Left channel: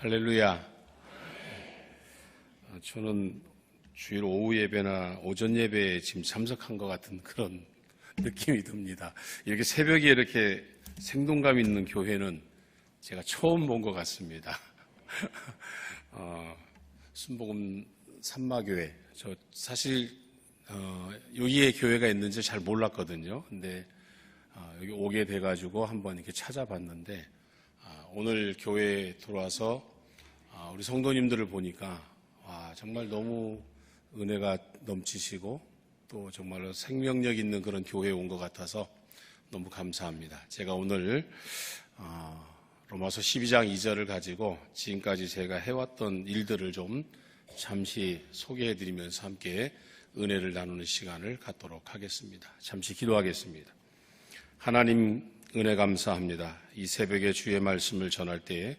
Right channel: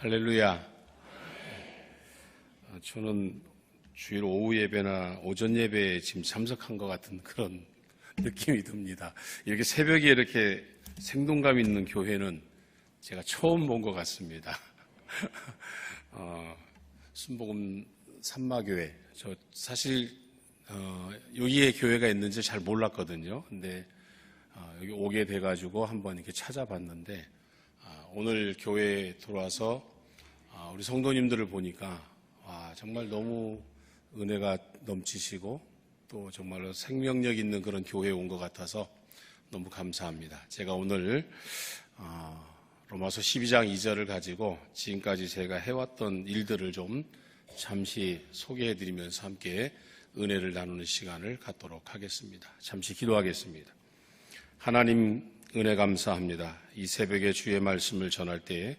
할렐루야. 저는 주일 오후 예배나 오전 예배에 지금 참석한 것 같은 그런 느낌이 듭니다. 이렇게 새벽에 이렇게 생동감 있는 교회는 제가 처음 본 것 같습니다. 순복음 산마교회. 저 사실 여기에 교회가 있는지 잘 몰랐거든요. 근데 여기 오게 돼가지고 한번 이렇게 찾아봤는데 오늘 교회에 들어와서 우리 성도님들을 보니까 정말 너무 은혜가 넘치시고 또 정말로 생명력 있는 그런 교회에 온 것 같아서 너무 감사합니다. 제가 오늘 로마서 12장 2절을 가지고 지금까지 제가 해왔던 일들을 좀 잠시 소개해드리면서 함께 은혜를 나누는 시간을 갖도록 하겠습니다. 잠시 기도하겠습니다. 하나님 은혜 감사합니다. 이 새벽에 주의 말씀을 전할 때에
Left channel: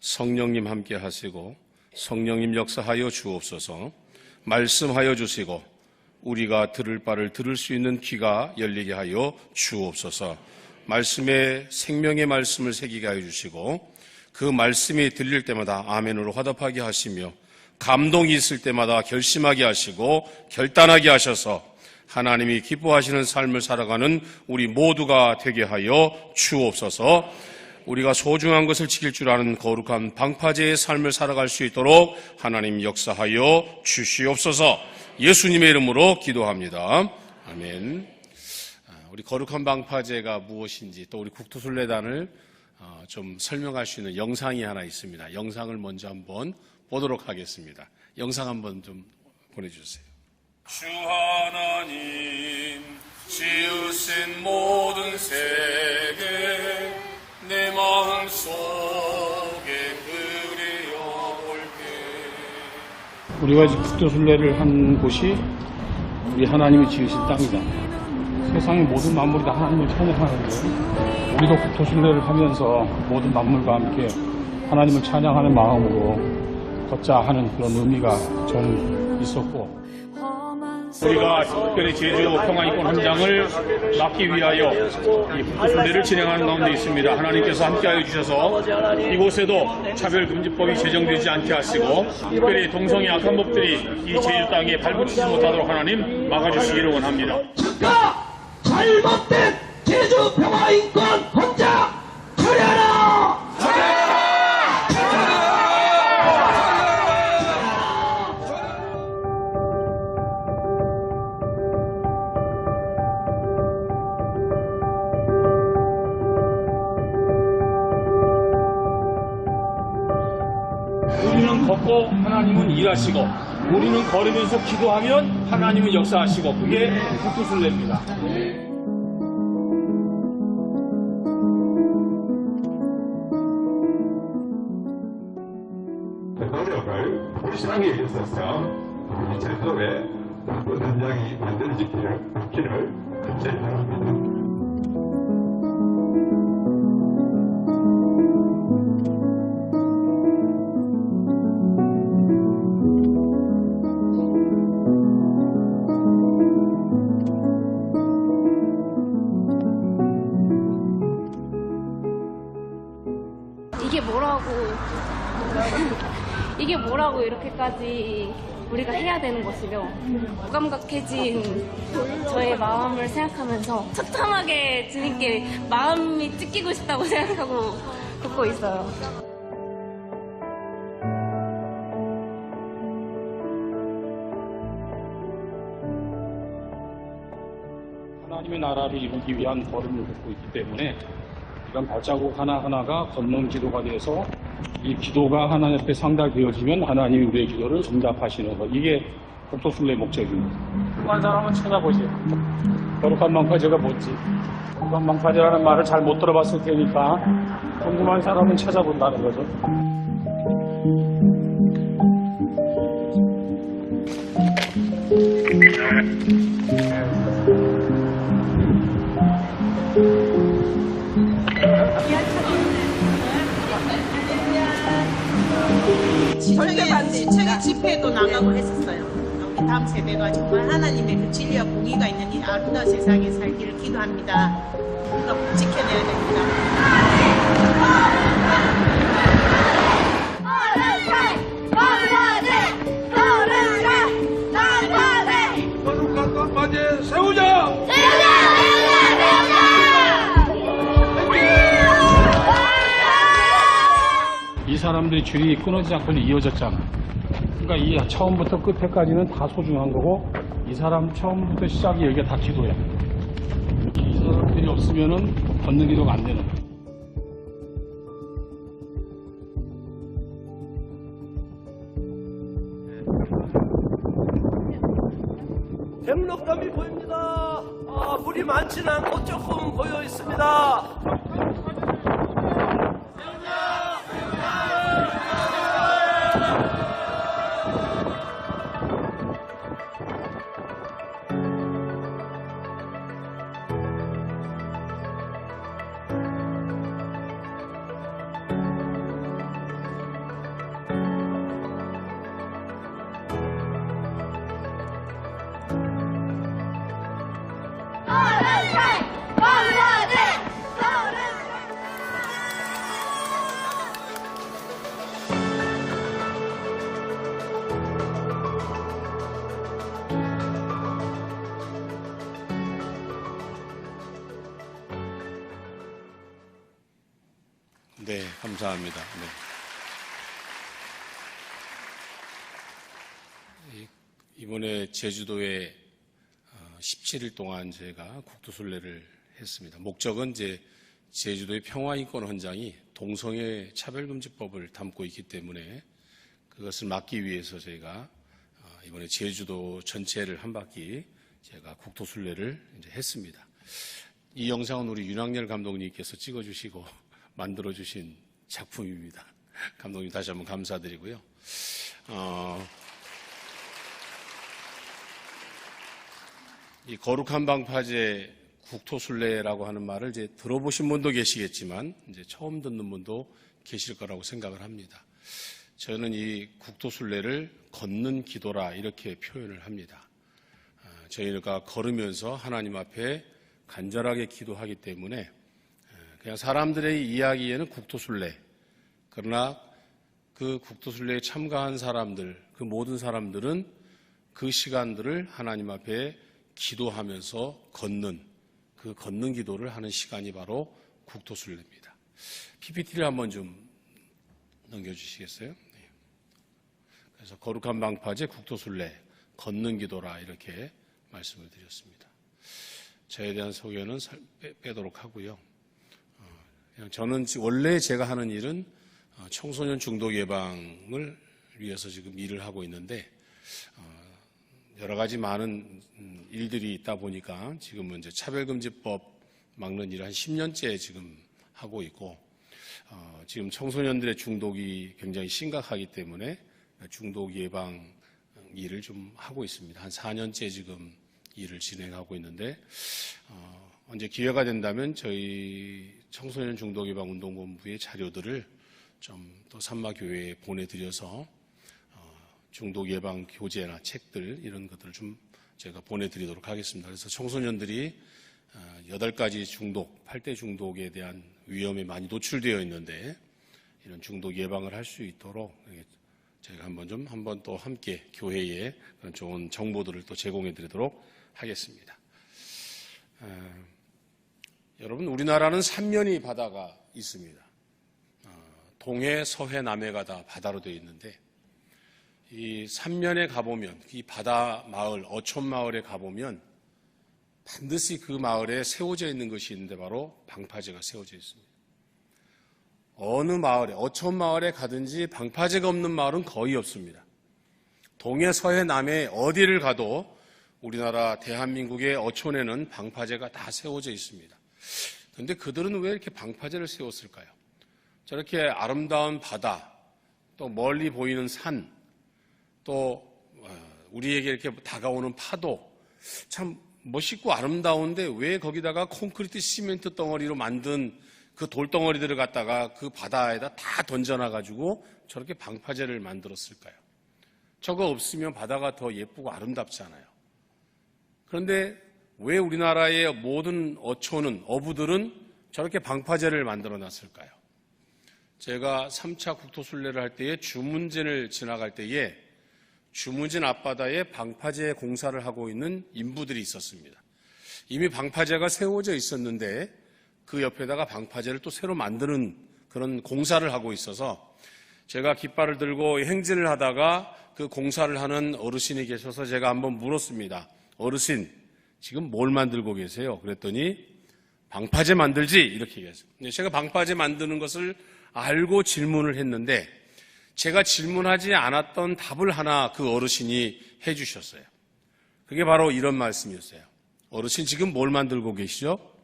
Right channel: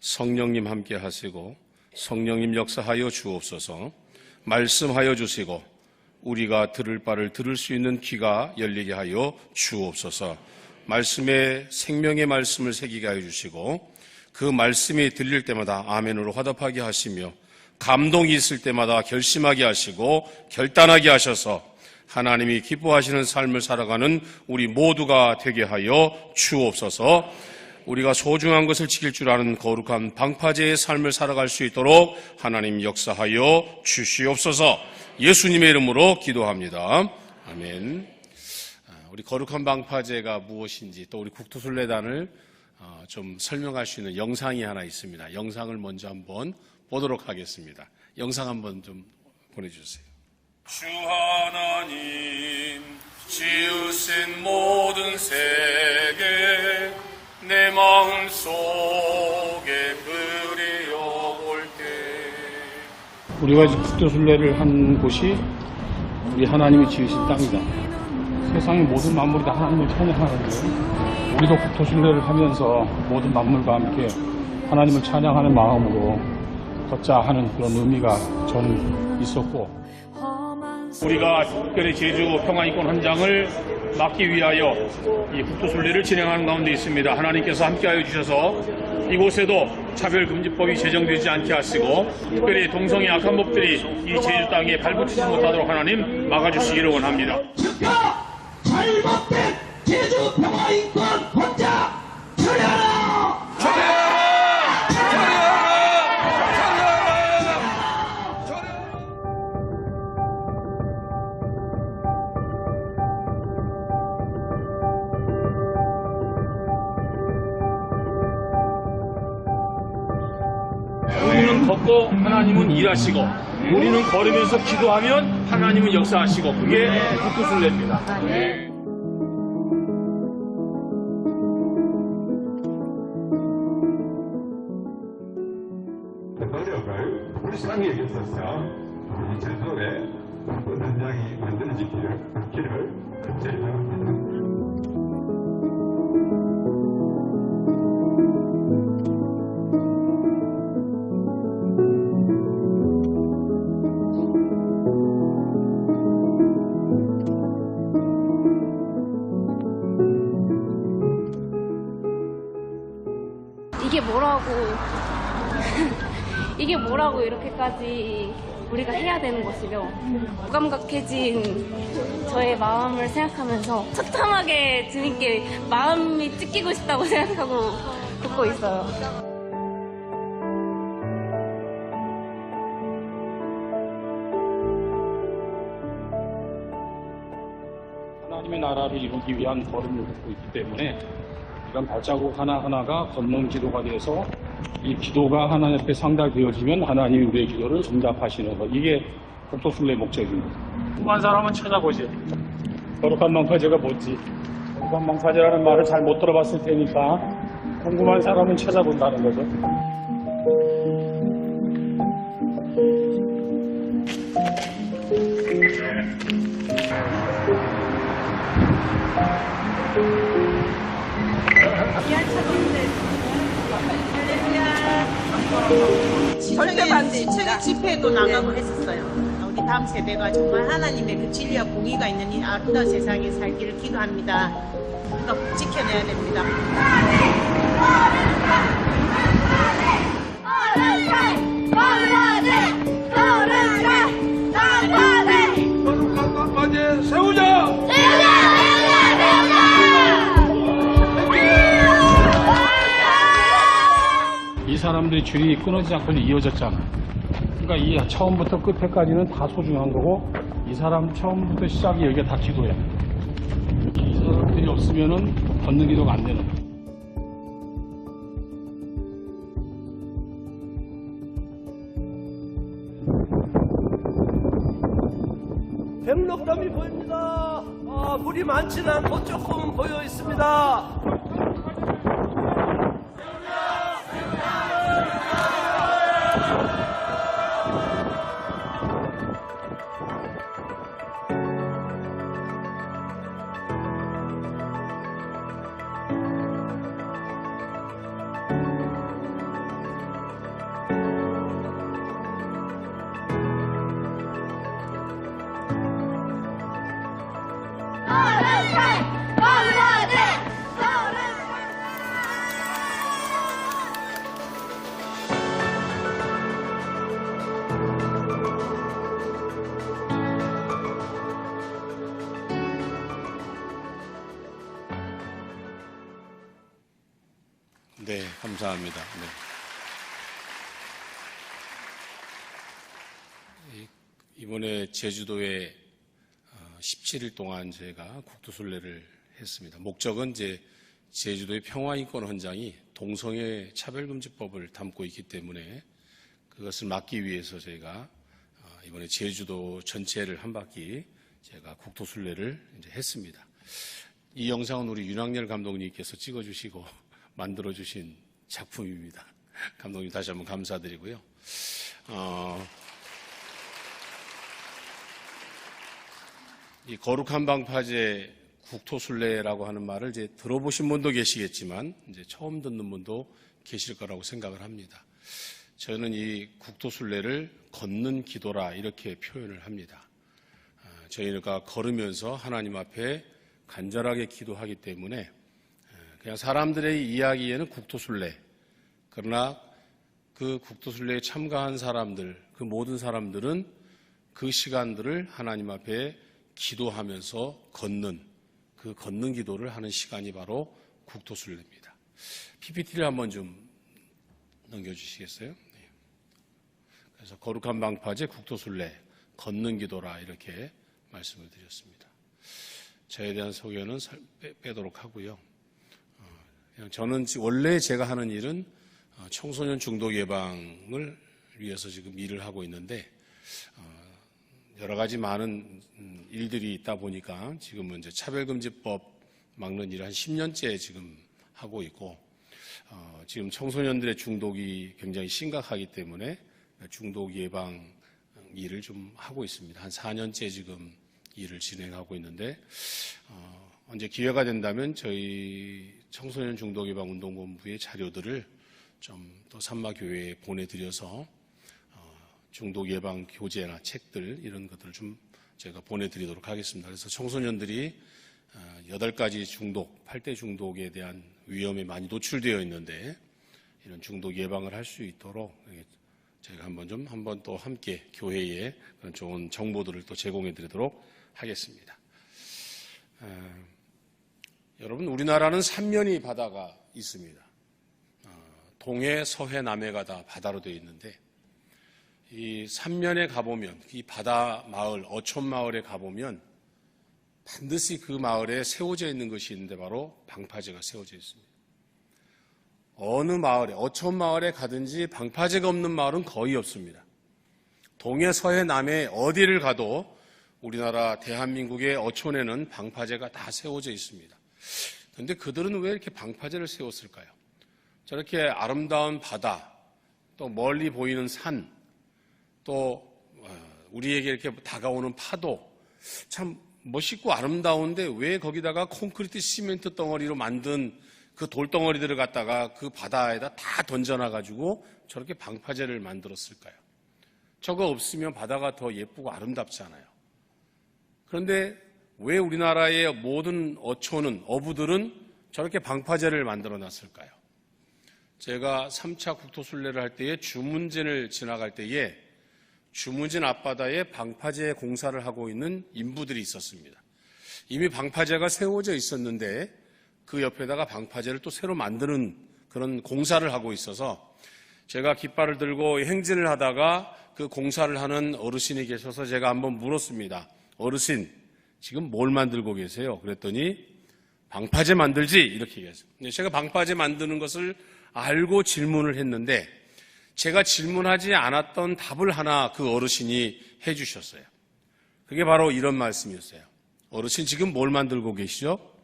성령님 함께 하시고 성령님 역사하여 주옵소서. 말씀하여 주시고 우리가 들을 바를 들을 수 있는 귀가 열리게 하여 주옵소서. 말씀에 생명의 말씀을 새기게 하여 주시고 그 말씀이 들릴 때마다 아멘으로 화답하게 하시며 감동이 있을 때마다 결심하게 하시고 결단하게 하셔서 하나님이 기뻐하시는 삶을 살아가는 우리 모두가 되게 하여 주옵소서. 우리가 소중한 것을 지킬 줄 아는 거룩한 방파제의 삶을 살아갈 수 있도록 하나님 역사하여 주시옵소서. 예수님의 이름으로 기도합니다. 아멘. 우리 거룩한 방파제가 무엇인지 또 우리 국토순례단을 좀 설명할 수 있는 영상이 하나 있습니다. 영상을 먼저 한번 보도록 하겠습니다. 영상 한번 좀 보내주세요. 주 하나님 지으신 모든 세계 내 마음속에 그리워볼게. 우리가 국토순례를 한 곳이 우리 하나님이 지으신 땅이다. 세상의 모든 만물이 다 하나님을 찬양하는데 우리도 국토순례를 하면서 모든 만물과 함께 하나님을 찬양하는 마음으로 걷자 하는 그런 의미가 좀 있었고, 우리가 특별히 제주 평화인권 헌장을 막기 위하여 이 국토순례를 진행하는 가운데 있습니다. 하나님께서 함께하여 주셔서 이곳에도 차별금지법이 제정되지 않게 하시고 특별히 동성애 악한 법들이 이 제주 땅에 발붙이지 못하도록 하나님 막아주시기를 원합니다. 즉각 잘못된 제주 평화인권 헌장 철회하라! 우리는 걷고 하나님은 일하시고 우리는 걸으면서 기도하면 하나님은 역사하시고 그게 국토순례입니다. 대통령을 불쌍히 여기셔서 우리 제도에 나쁜 현장이 만들어지기를 간절히 바랍니다. 이게 뭐라고 이렇게까지 우리가 해야 되는 것이죠. 무감각해진 저의 마음을 생각하면서 처참하게 주님께 마음이 찢기고 싶다고 생각하고 걷고 있어요. 하나님의 나라를 이루기 위한 걸음을 걷고 있기 때문에 이런 발자국 하나하나가 걷는 기도가 돼서 이 기도가 하나님 앞에 상달되어지면 하나님이 우리의 기도를 응답하시는 것. 이게 국토순례의 목적입니다. 궁금한 사람은 찾아보지. 거룩한 방파제가 뭔지. 거룩한 방파제라는 말을 잘 못 들어봤을 테니까 궁금한 사람은 찾아본다는 거죠. 절대 반대입니다. 집회도 나가고 했었어요. 우리 다음 세대가 정말 하나님의 그 진리와 공의가 있는 이 아름다운 세상에 살기를 기도합니다. 우리가 꼭 지켜내야 됩니다. 사람들의 줄이 끊어지지 않고 이어졌잖아. 그러니까 이 처음부터 끝에까지는 다 소중한 거고, 이 사람 처음부터 시작이 여기가 다 기도야. 이 사람들이 없으면은 걷는 기도가 안 되는 거야. 백록담이 보입니다. 물이 많지는 않고 조금 보여 있습니다. 네, 감사합니다. 네. 이번에 제주도에 17일 동안 저희가 국토순례를 했습니다. 목적은 이제 제주도의 평화인권 헌장이 동성애 차별금지법을 담고 있기 때문에 그것을 막기 위해서 저희가 이번에 제주도 전체를 한 바퀴 제가 국토순례를 이제 했습니다. 이 영상은 우리 윤학열 감독님께서 찍어주시고 만들어주신 작품입니다. 감독님 다시 한번 감사드리고요. 이 거룩한 방파제 국토순례라고 하는 말을 이제 들어보신 분도 계시겠지만 이제 처음 듣는 분도 계실 거라고 생각을 합니다. 저는 이 국토순례를 걷는 기도라 이렇게 표현을 합니다. 저희가 걸으면서 하나님 앞에 간절하게 기도하기 때문에 그냥 사람들의 이야기에는 국토순례, 그러나 그 국토순례에 참가한 사람들, 그 모든 사람들은 그 시간들을 하나님 앞에 기도하면서 걷는, 그 걷는 기도를 하는 시간이 바로 국토순례입니다. PPT를 한번 좀 넘겨주시겠어요? 네. 그래서 거룩한 방파제 국토순례, 걷는 기도라 이렇게 말씀을 드렸습니다. 저에 대한 소개는 빼도록 하고요. 저는 원래 제가 하는 일은 청소년 중독 예방을 위해서 지금 일을 하고 있는데 여러 가지 많은 일들이 있다 보니까 지금은 이제 차별금지법 막는 일을 한 10년째 지금 하고 있고 지금 청소년들의 중독이 굉장히 심각하기 때문에 중독 예방 일을 좀 하고 있습니다. 한 4년째 지금 일을 진행하고 있는데 언제 기회가 된다면 저희 청소년 중독 예방 운동본부의 자료들을 좀 또 산마교회에 보내드려서 중독 예방 교재나 책들 이런 것들을 좀 제가 보내드리도록 하겠습니다. 그래서 청소년들이 8가지 중독, 8대 중독에 대한 위험에 많이 노출되어 있는데 이런 중독 예방을 할 수 있도록 저희가 한번 또 함께 교회에 그런 좋은 정보들을 또 제공해드리도록 하겠습니다. 여러분, 우리나라는 3면이 바다가 있습니다. 동해, 서해, 남해가 다 바다로 되어 있는데 이 3면에 가보면 이 바다 마을, 어촌 마을에 가보면 반드시 그 마을에 세워져 있는 것이 있는데 바로 방파제가 세워져 있습니다. 어느 마을에, 어촌 마을에 가든지 방파제가 없는 마을은 거의 없습니다. 동해, 서해, 남해 어디를 가도 우리나라 대한민국의 어촌에는 방파제가 다 세워져 있습니다. 그런데 그들은 왜 이렇게 방파제를 세웠을까요? 저렇게 아름다운 바다, 또 멀리 보이는 산, 또 우리에게 이렇게 다가오는 파도, 참 멋있고 아름다운데 왜 거기다가 콘크리트 시멘트 덩어리로 만든 그 돌덩어리들을 갖다가 그 바다에다 다 던져놔가지고 저렇게 방파제를 만들었을까요? 저거 없으면 바다가 더 예쁘고 아름답잖아요. 그런데 왜 우리나라의 모든 어촌은, 어부들은 저렇게 방파제를 만들어 놨을까요? 제가 3차 국토순례를 할 때에 주문진을 지나갈 때에 주문진 앞바다에 방파제 공사를 하고 있는 인부들이 있었습니다. 이미 방파제가 세워져 있었는데 그 옆에다가 방파제를 또 새로 만드는 그런 공사를 하고 있어서 제가 깃발을 들고 행진을 하다가 그 공사를 하는 어르신이 계셔서 제가 한번 물었습니다. 어르신, 지금 뭘 만들고 계세요? 그랬더니 방파제 만들지? 이렇게 얘기했어요. 제가 방파제 만드는 것을 알고 질문을 했는데 제가 질문하지 않았던 답을 하나 그 어르신이 해주셨어요. 그게 바로 이런 말씀이었어요. 어르신, 지금 뭘 만들고 계시죠?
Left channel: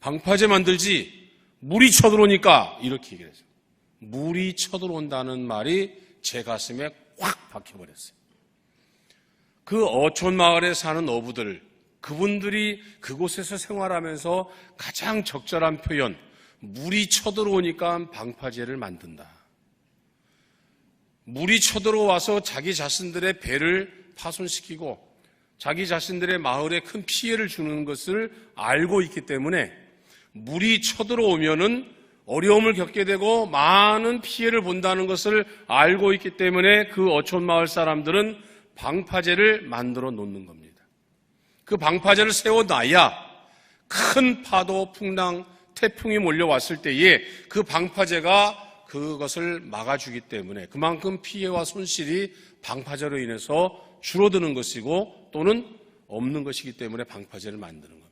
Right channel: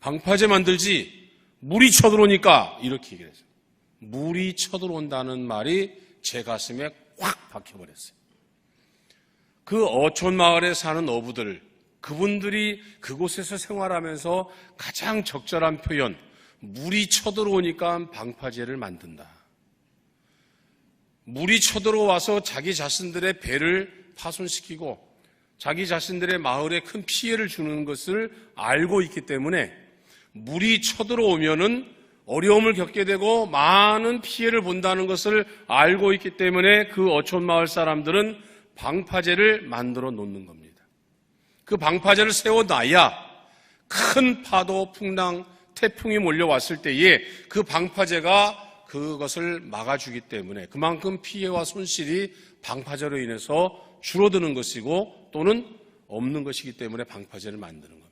방파제 만들지. 물이 쳐들어오니까. 이렇게 얘기를 했어요. 물이 쳐들어온다는 말이 제 가슴에 확 박혀버렸어요. 그 어촌 마을에 사는 어부들, 그분들이 그곳에서 생활하면서 가장 적절한 표현, 물이 쳐들어오니까 방파제를 만든다. 물이 쳐들어와서 자기 자신들의 배를 파손시키고 자기 자신들의 마을에 큰 피해를 주는 것을 알고 있기 때문에 물이 쳐들어오면은 어려움을 겪게 되고 많은 피해를 본다는 것을 알고 있기 때문에 그 어촌 마을 사람들은 방파제를 만들어 놓는 겁니다. 그 방파제를 세워놔야 큰 파도, 풍랑, 태풍이 몰려왔을 때에 그 방파제가 그것을 막아주기 때문에 그만큼 피해와 손실이 방파제로 인해서 줄어드는 것이고 또는 없는 것이기 때문에 방파제를 만드는 겁니다.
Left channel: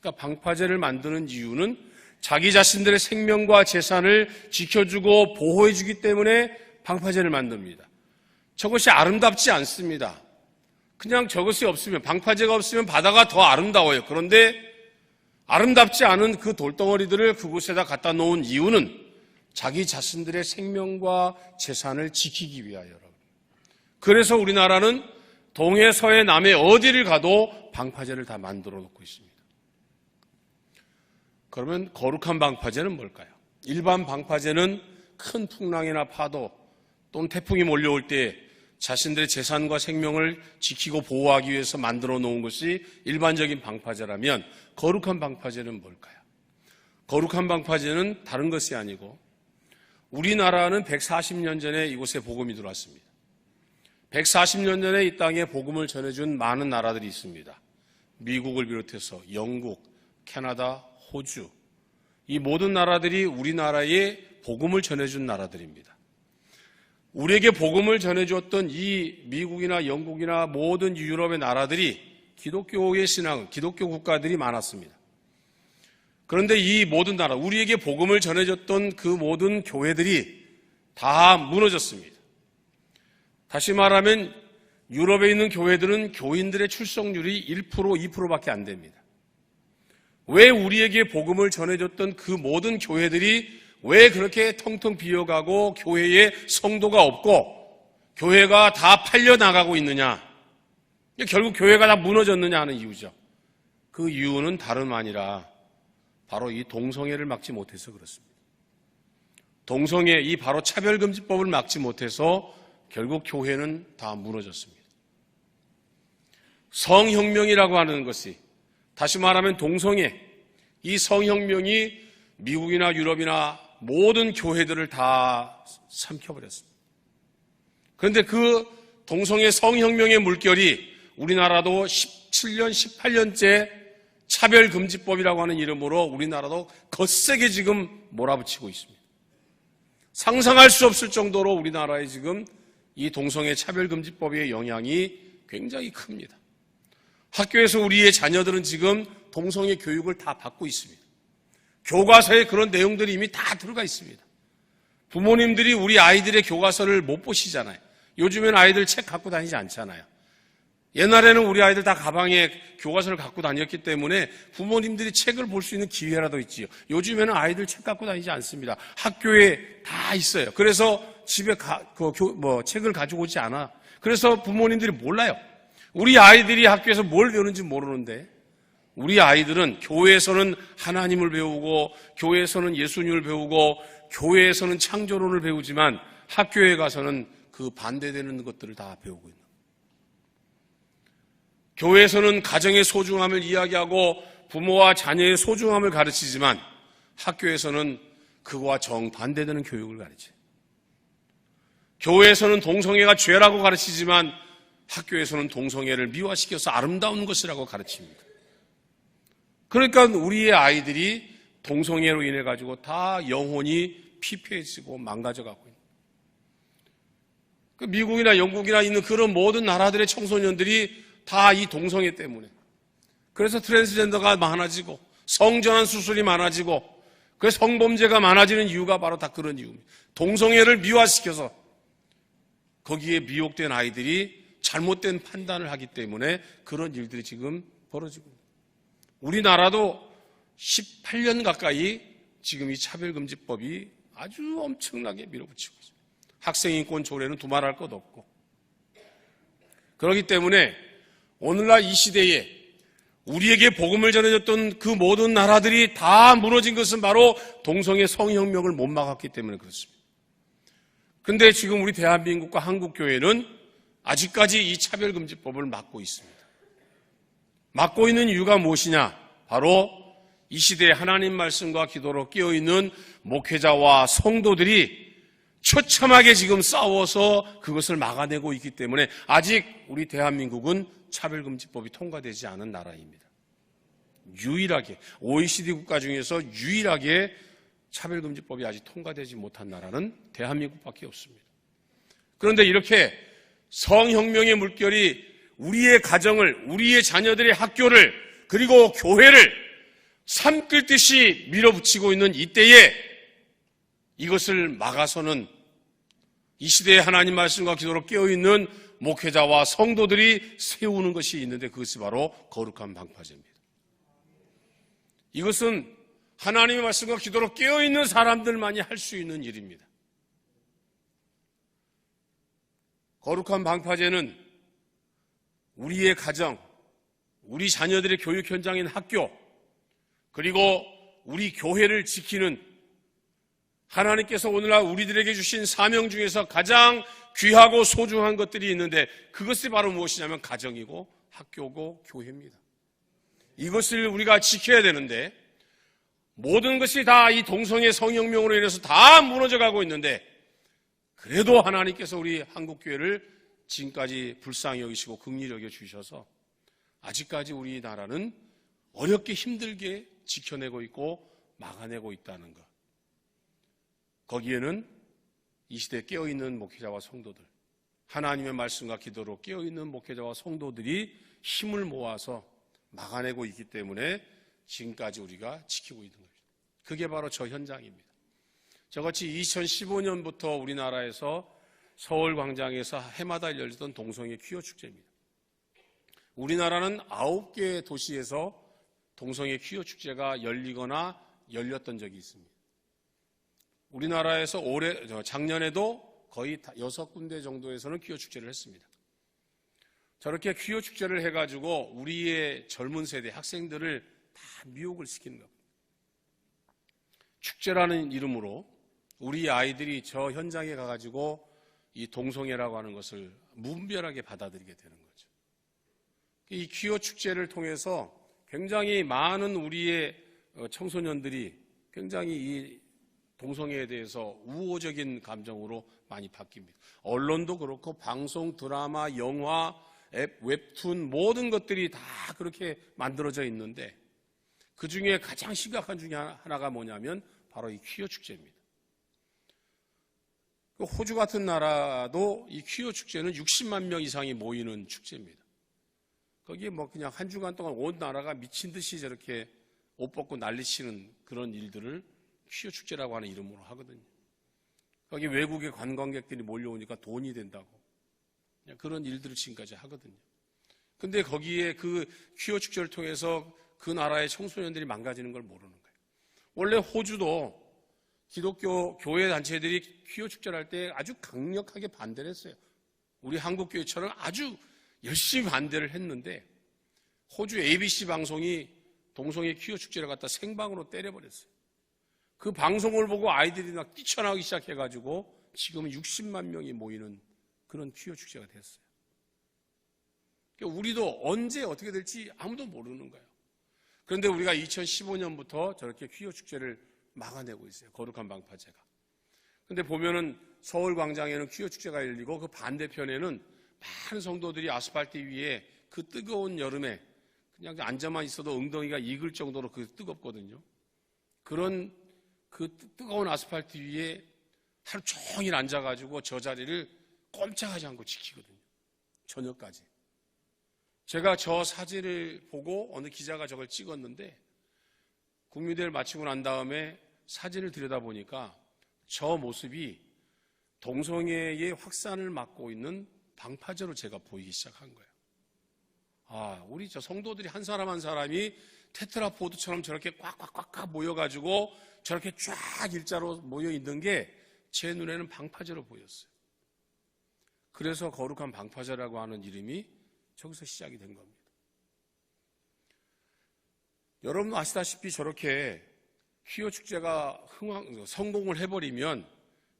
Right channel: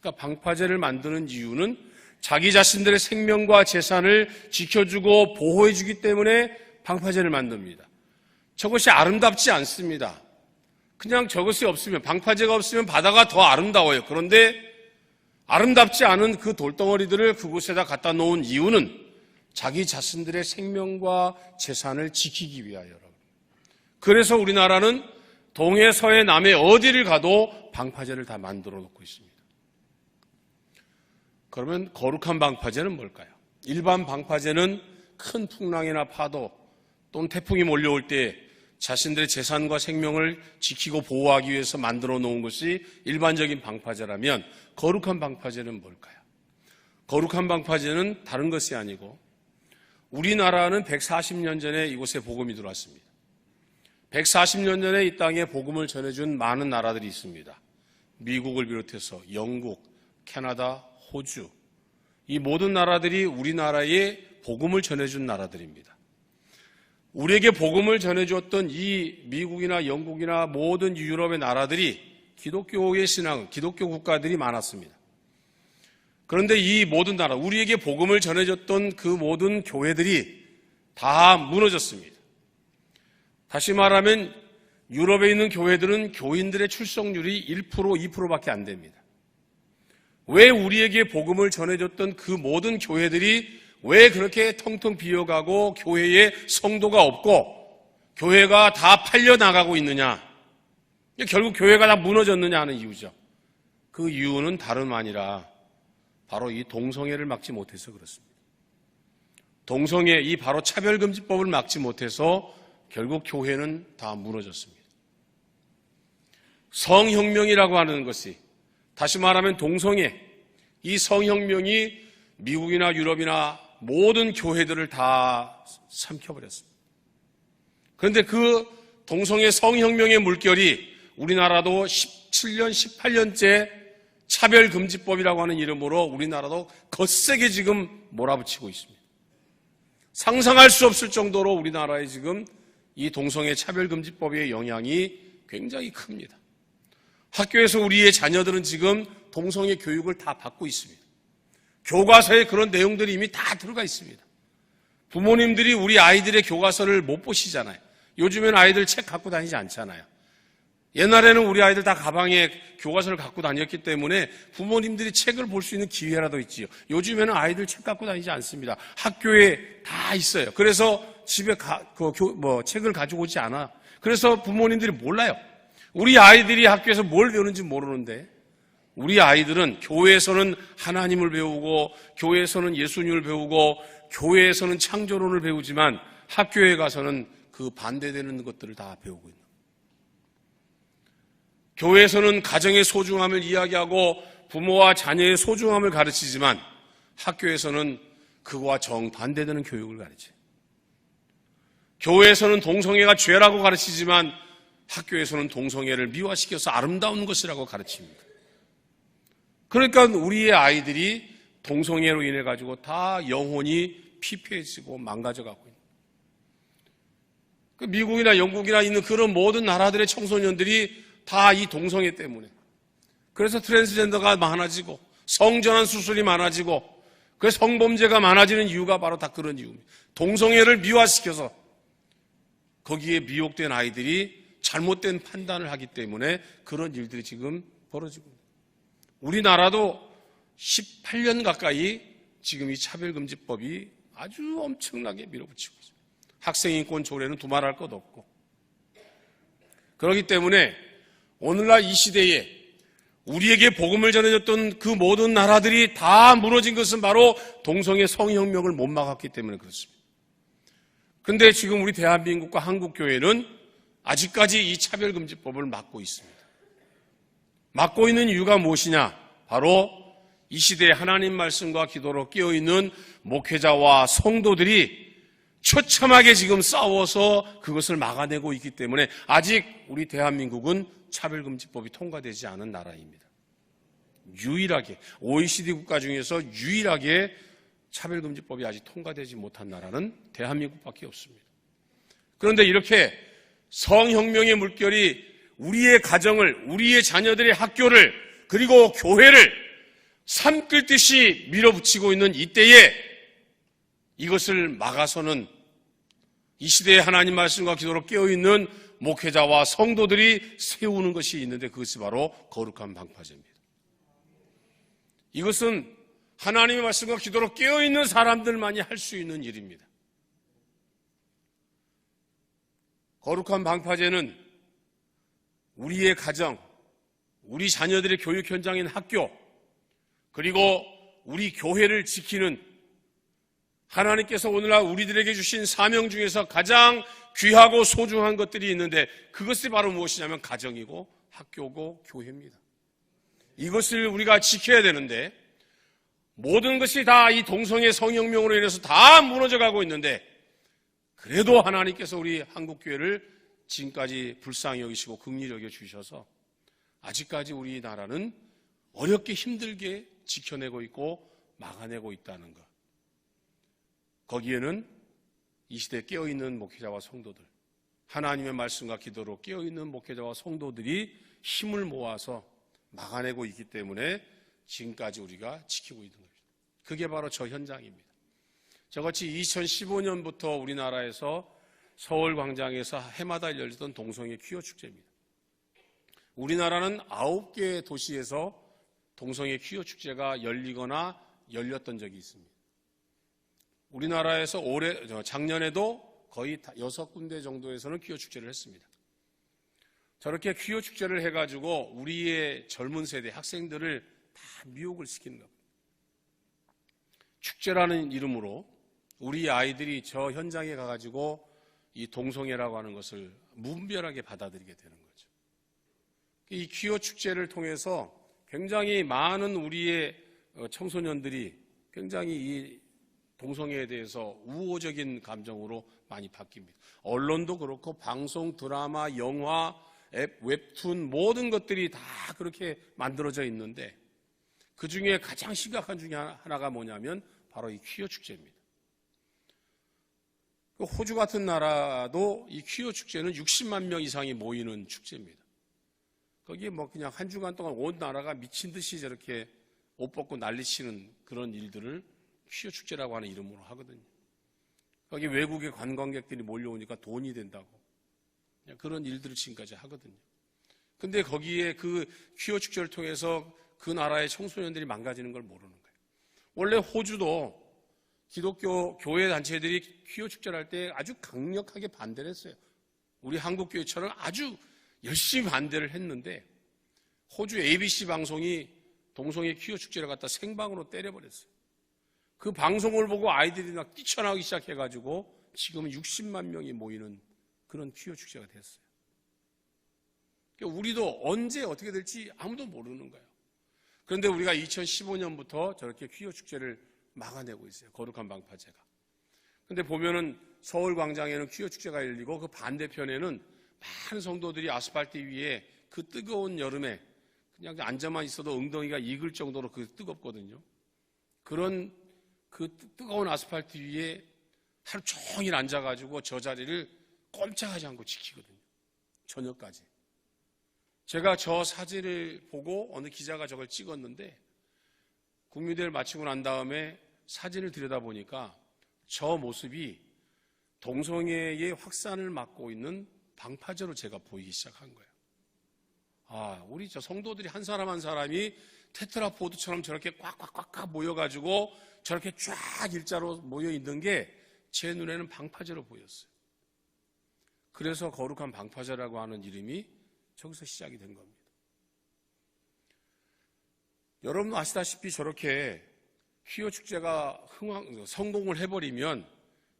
그러니까 방파제를 만드는 이유는 자기 자신들의 생명과 재산을 지켜주고 보호해주기 때문에 방파제를 만듭니다. 저것이 아름답지 않습니다. 그냥 저것이 없으면, 방파제가 없으면 바다가 더 아름다워요. 그런데 아름답지 않은 그 돌덩어리들을 그곳에다 갖다 놓은 이유는 자기 자신들의 생명과 재산을 지키기 위하여라고. 그래서 우리나라는 동해, 서해, 남해 어디를 가도 방파제를 다 만들어 놓고 있습니다. 그러면 거룩한 방파제는 뭘까요? 일반 방파제는 큰 풍랑이나 파도 또는 태풍이 몰려올 때 자신들의 재산과 생명을 지키고 보호하기 위해서 만들어 놓은 것이 일반적인 방파제라면 거룩한 방파제는 뭘까요? 거룩한 방파제는 다른 것이 아니고 우리나라는 140년 전에 이곳에 복음이 들어왔습니다. 140년 전에 이 땅에 복음을 전해준 많은 나라들이 있습니다. 미국을 비롯해서 영국, 캐나다, 호주, 이 모든 나라들이 우리나라에 복음을 전해준 나라들입니다. 우리에게 복음을 전해줬던 이 미국이나 영국이나 모든 유럽의 나라들이 기독교의 신앙, 기독교 국가들이 많았습니다. 그런데 이 모든 나라, 우리에게 복음을 전해줬던 그 모든 교회들이 다 무너졌습니다. 다시 말하면 유럽에 있는 교회들은 교인들의 출석률이 1%, 2%밖에 안 됩니다. 왜 우리에게 복음을 전해줬던 그 모든 교회들이 왜 그렇게 텅텅 비어가고 교회에 성도가 없고 교회가 다 팔려나가고 있느냐? 결국 교회가 다 무너졌느냐 하는 이유죠. 그 이유는 다름 아니라 바로 이 동성애를 막지 못해서 그렇습니다. 동성애, 이 바로 차별금지법을 막지 못해서 결국 교회는 다 무너졌습니다. 성혁명이라고 하는 것이, 다시 말하면 동성애, 이 성혁명이 미국이나 유럽이나 모든 교회들을 다 삼켜버렸습니다. 그런데 그 동성애 성혁명의 물결이 우리나라도 17년, 18년째 차별금지법이라고 하는 이름으로 우리나라도 거세게 지금 몰아붙이고 있습니다. 상상할 수 없을 정도로 우리나라에 지금 이 동성애 차별금지법의 영향이 굉장히 큽니다. 학교에서 우리의 자녀들은 지금 동성애 교육을 다 받고 있습니다. 교과서에 그런 내용들이 이미 다 들어가 있습니다. 부모님들이 우리 아이들의 교과서를 못 보시잖아요. 요즘에는 아이들 책 갖고 다니지 않잖아요. 옛날에는 우리 아이들 다 가방에 교과서를 갖고 다녔기 때문에 부모님들이 책을 볼 수 있는 기회라도 있지요. 요즘에는 아이들 책 갖고 다니지 않습니다. 학교에 다 있어요. 그래서 집에 책을 가지고 오지 않아. 그래서 부모님들이 몰라요. 우리 아이들이 학교에서 뭘 배우는지 모르는데 우리 아이들은 교회에서는 하나님을 배우고 교회에서는 예수님을 배우고 교회에서는 창조론을 배우지만 학교에 가서는 그 반대되는 것들을 다 배우고 있는. 교회에서는 가정의 소중함을 이야기하고 부모와 자녀의 소중함을 가르치지만 학교에서는 그거와 정반대되는 교육을 가르쳐요. 교회에서는 동성애가 죄라고 가르치지만 학교에서는 동성애를 미화시켜서 아름다운 것이라고 가르칩니다. 그러니까 우리의 아이들이 동성애로 인해 가지고 다 영혼이 피폐해지고 망가져가고 있습니다. 그 미국이나 영국이나 있는 그런 모든 나라들의 청소년들이 다 이 동성애 때문에. 그래서 트랜스젠더가 많아지고 성전환 수술이 많아지고 그 성범죄가 많아지는 이유가 바로 다 그런 이유입니다. 동성애를 미화시켜서 거기에 미혹된 아이들이 잘못된 판단을 하기 때문에 그런 일들이 지금 벌어지고 있습니다. 우리나라도 18년 가까이 지금 이 차별금지법이 아주 엄청나게 밀어붙이고 있습니다. 학생인권 조례는 두말할 것 없고. 그렇기 때문에 오늘날 이 시대에 우리에게 복음을 전해줬던 그 모든 나라들이 다 무너진 것은 바로 동성애 성혁명을 못 막았기 때문에 그렇습니다. 근데 지금 우리 대한민국과 한국교회는 아직까지 이 차별금지법을 막고 있습니다. 막고 있는 이유가 무엇이냐? 바로 이 시대에 하나님 말씀과 기도로 깨어있는 목회자와 성도들이 처참하게 지금 싸워서 그것을 막아내고 있기 때문에 아직 우리 대한민국은 차별금지법이 통과되지 않은 나라입니다. 유일하게 OECD 국가 중에서 유일하게 차별금지법이 아직 통과되지 못한 나라는 대한민국밖에 없습니다. 그런데 이렇게 성혁명의 물결이 우리의 가정을, 우리의 자녀들의 학교를 그리고 교회를 산끌듯이 밀어붙이고 있는 이때에 이것을 막아서는 이 시대에 하나님 말씀과 기도로 깨어있는 목회자와 성도들이 세우는 것이 있는데 그것이 바로 거룩한 방파제입니다. 이것은 하나님의 말씀과 기도로 깨어있는 사람들만이 할 수 있는 일입니다. 거룩한 방파제는 우리의 가정, 우리 자녀들의 교육 현장인 학교, 그리고 우리 교회를 지키는 하나님께서 오늘날 우리들에게 주신 사명 중에서 가장 귀하고 소중한 것들이 있는데 그것이 바로 무엇이냐면 가정이고 학교고 교회입니다. 이것을 우리가 지켜야 되는데 모든 것이 다 이 동성애 성혁명으로 인해서 다 무너져가고 있는데 그래도 하나님께서 우리 한국교회를 지금까지 불쌍히 여기시고 긍휼히 여겨주셔서 아직까지 우리나라는 어렵게 힘들게 지켜내고 있고 막아내고 있다는 것. 거기에는 이 시대에 깨어있는 목회자와 성도들, 하나님의 말씀과 기도로 깨어있는 목회자와 성도들이 힘을 모아서 막아내고 있기 때문에 지금까지 우리가 지키고 있는 거예요. 그게 바로 저 현장입니다. 저같이 2015년부터 우리나라에서 서울광장에서 해마다 열리던 동성애 퀴어 축제입니다. 우리나라는 9개 도시에서 동성애 퀴어 축제가 열리거나 열렸던 적이 있습니다. 우리나라에서 작년에도 거의 6군데 정도에서는 퀴어 축제를 했습니다. 저렇게 퀴어 축제를 해가지고 우리의 젊은 세대 학생들을 다 미혹을 시키는 겁니다. 축제라는 이름으로 우리 아이들이 저 현장에 가가지고 이 동성애라고 하는 것을 무분별하게 받아들이게 되는 거죠. 이 퀴어 축제를 통해서 굉장히 많은 우리의 청소년들이 굉장히 이 동성애에 대해서 우호적인 감정으로 많이 바뀝니다. 언론도 그렇고 방송, 드라마, 영화, 웹툰 모든 것들이 다 그렇게 만들어져 있는데 그중에 가장 심각한 중에 하나가 뭐냐면 바로 이 퀴어 축제입니다. 호주 같은 나라도 이 퀴어 축제는 60만 명 이상이 모이는 축제입니다. 거기에 뭐 그냥 한 주간 동안 온 나라가 미친 듯이 저렇게 옷 벗고 난리치는 그런 일들을 퀴어 축제라고 하는 이름으로 하거든요. 거기 외국의 관광객들이 몰려오니까 돈이 된다고 그런 일들을 지금까지 하거든요. 근데 거기에 그 퀴어 축제를 통해서 그 나라의 청소년들이 망가지는 걸 모르는 거예요. 원래 호주도 기독교 교회 단체들이 퀴어 축제를 할 때 아주 강력하게 반대를 했어요. 우리 한국교회처럼 아주 열심히 반대를 했는데 호주 ABC 방송이 동성애 퀴어 축제를 갖다 생방으로 때려버렸어요. 그 방송을 보고 아이들이 막 뛰쳐나오기 시작해가지고 지금은 60만 명이 모이는 그런 퀴어 축제가 됐어요. 그러니까 우리도 언제 어떻게 될지 아무도 모르는 거예요. 그런데 우리가 2015년부터 저렇게 퀴어 축제를 막아내고 있어요. 거룩한 방파제가. 그런데 보면은 서울광장에는 퀴어 축제가 열리고 그 반대편에는 많은 성도들이 아스팔트 위에 그 뜨거운 여름에 그냥 앉아만 있어도 엉덩이가 익을 정도로 그 뜨겁거든요. 그런 그 뜨거운 아스팔트 위에 하루 종일 앉아가지고 저 자리를 꼼짝하지 않고 지키거든요. 저녁까지. 제가 저 사진을 보고 어느 기자가 저걸 찍었는데 국민대회를 마치고 난 다음에 사진을 들여다보니까 저 모습이 동성애의 확산을 막고 있는 방파제로 제가 보이기 시작한 거예요. 아, 우리 저 성도들이 한 사람 한 사람이 테트라포드처럼 저렇게 꽉꽉꽉 모여가지고 저렇게 쫙 일자로 모여 있는 게 제 눈에는 방파제로 보였어요. 그래서 거룩한 방파제라고 하는 이름이 저기서 시작이 된 겁니다. 여러분 아시다시피 저렇게 퀴어 축제가 성공을 해버리면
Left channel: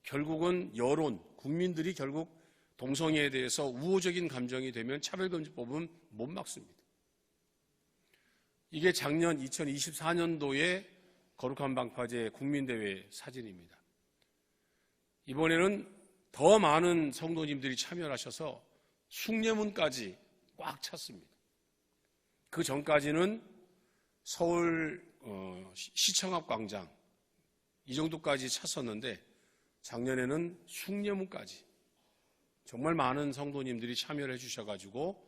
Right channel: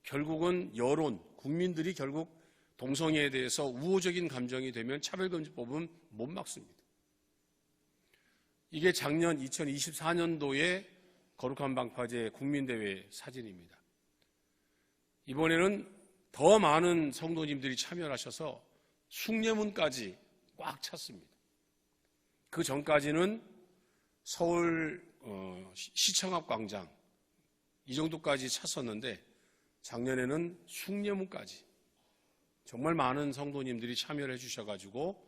결국은 여론, 국민들이 결국 동성애에 대해서 우호적인 감정이 되면 차별금지법은 못 막습니다. 이게 작년 2024년도에 거룩한 방파제 국민대회 사진입니다. 이번에는 더 많은 성도님들이 참여를 하셔서 숭례문까지 꽉 찼습니다. 그 전까지는 서울 시청 앞 광장 이 정도까지 찼었는데 작년에는 숭례문까지 정말 많은 성도님들이 참여를 해주셔가지고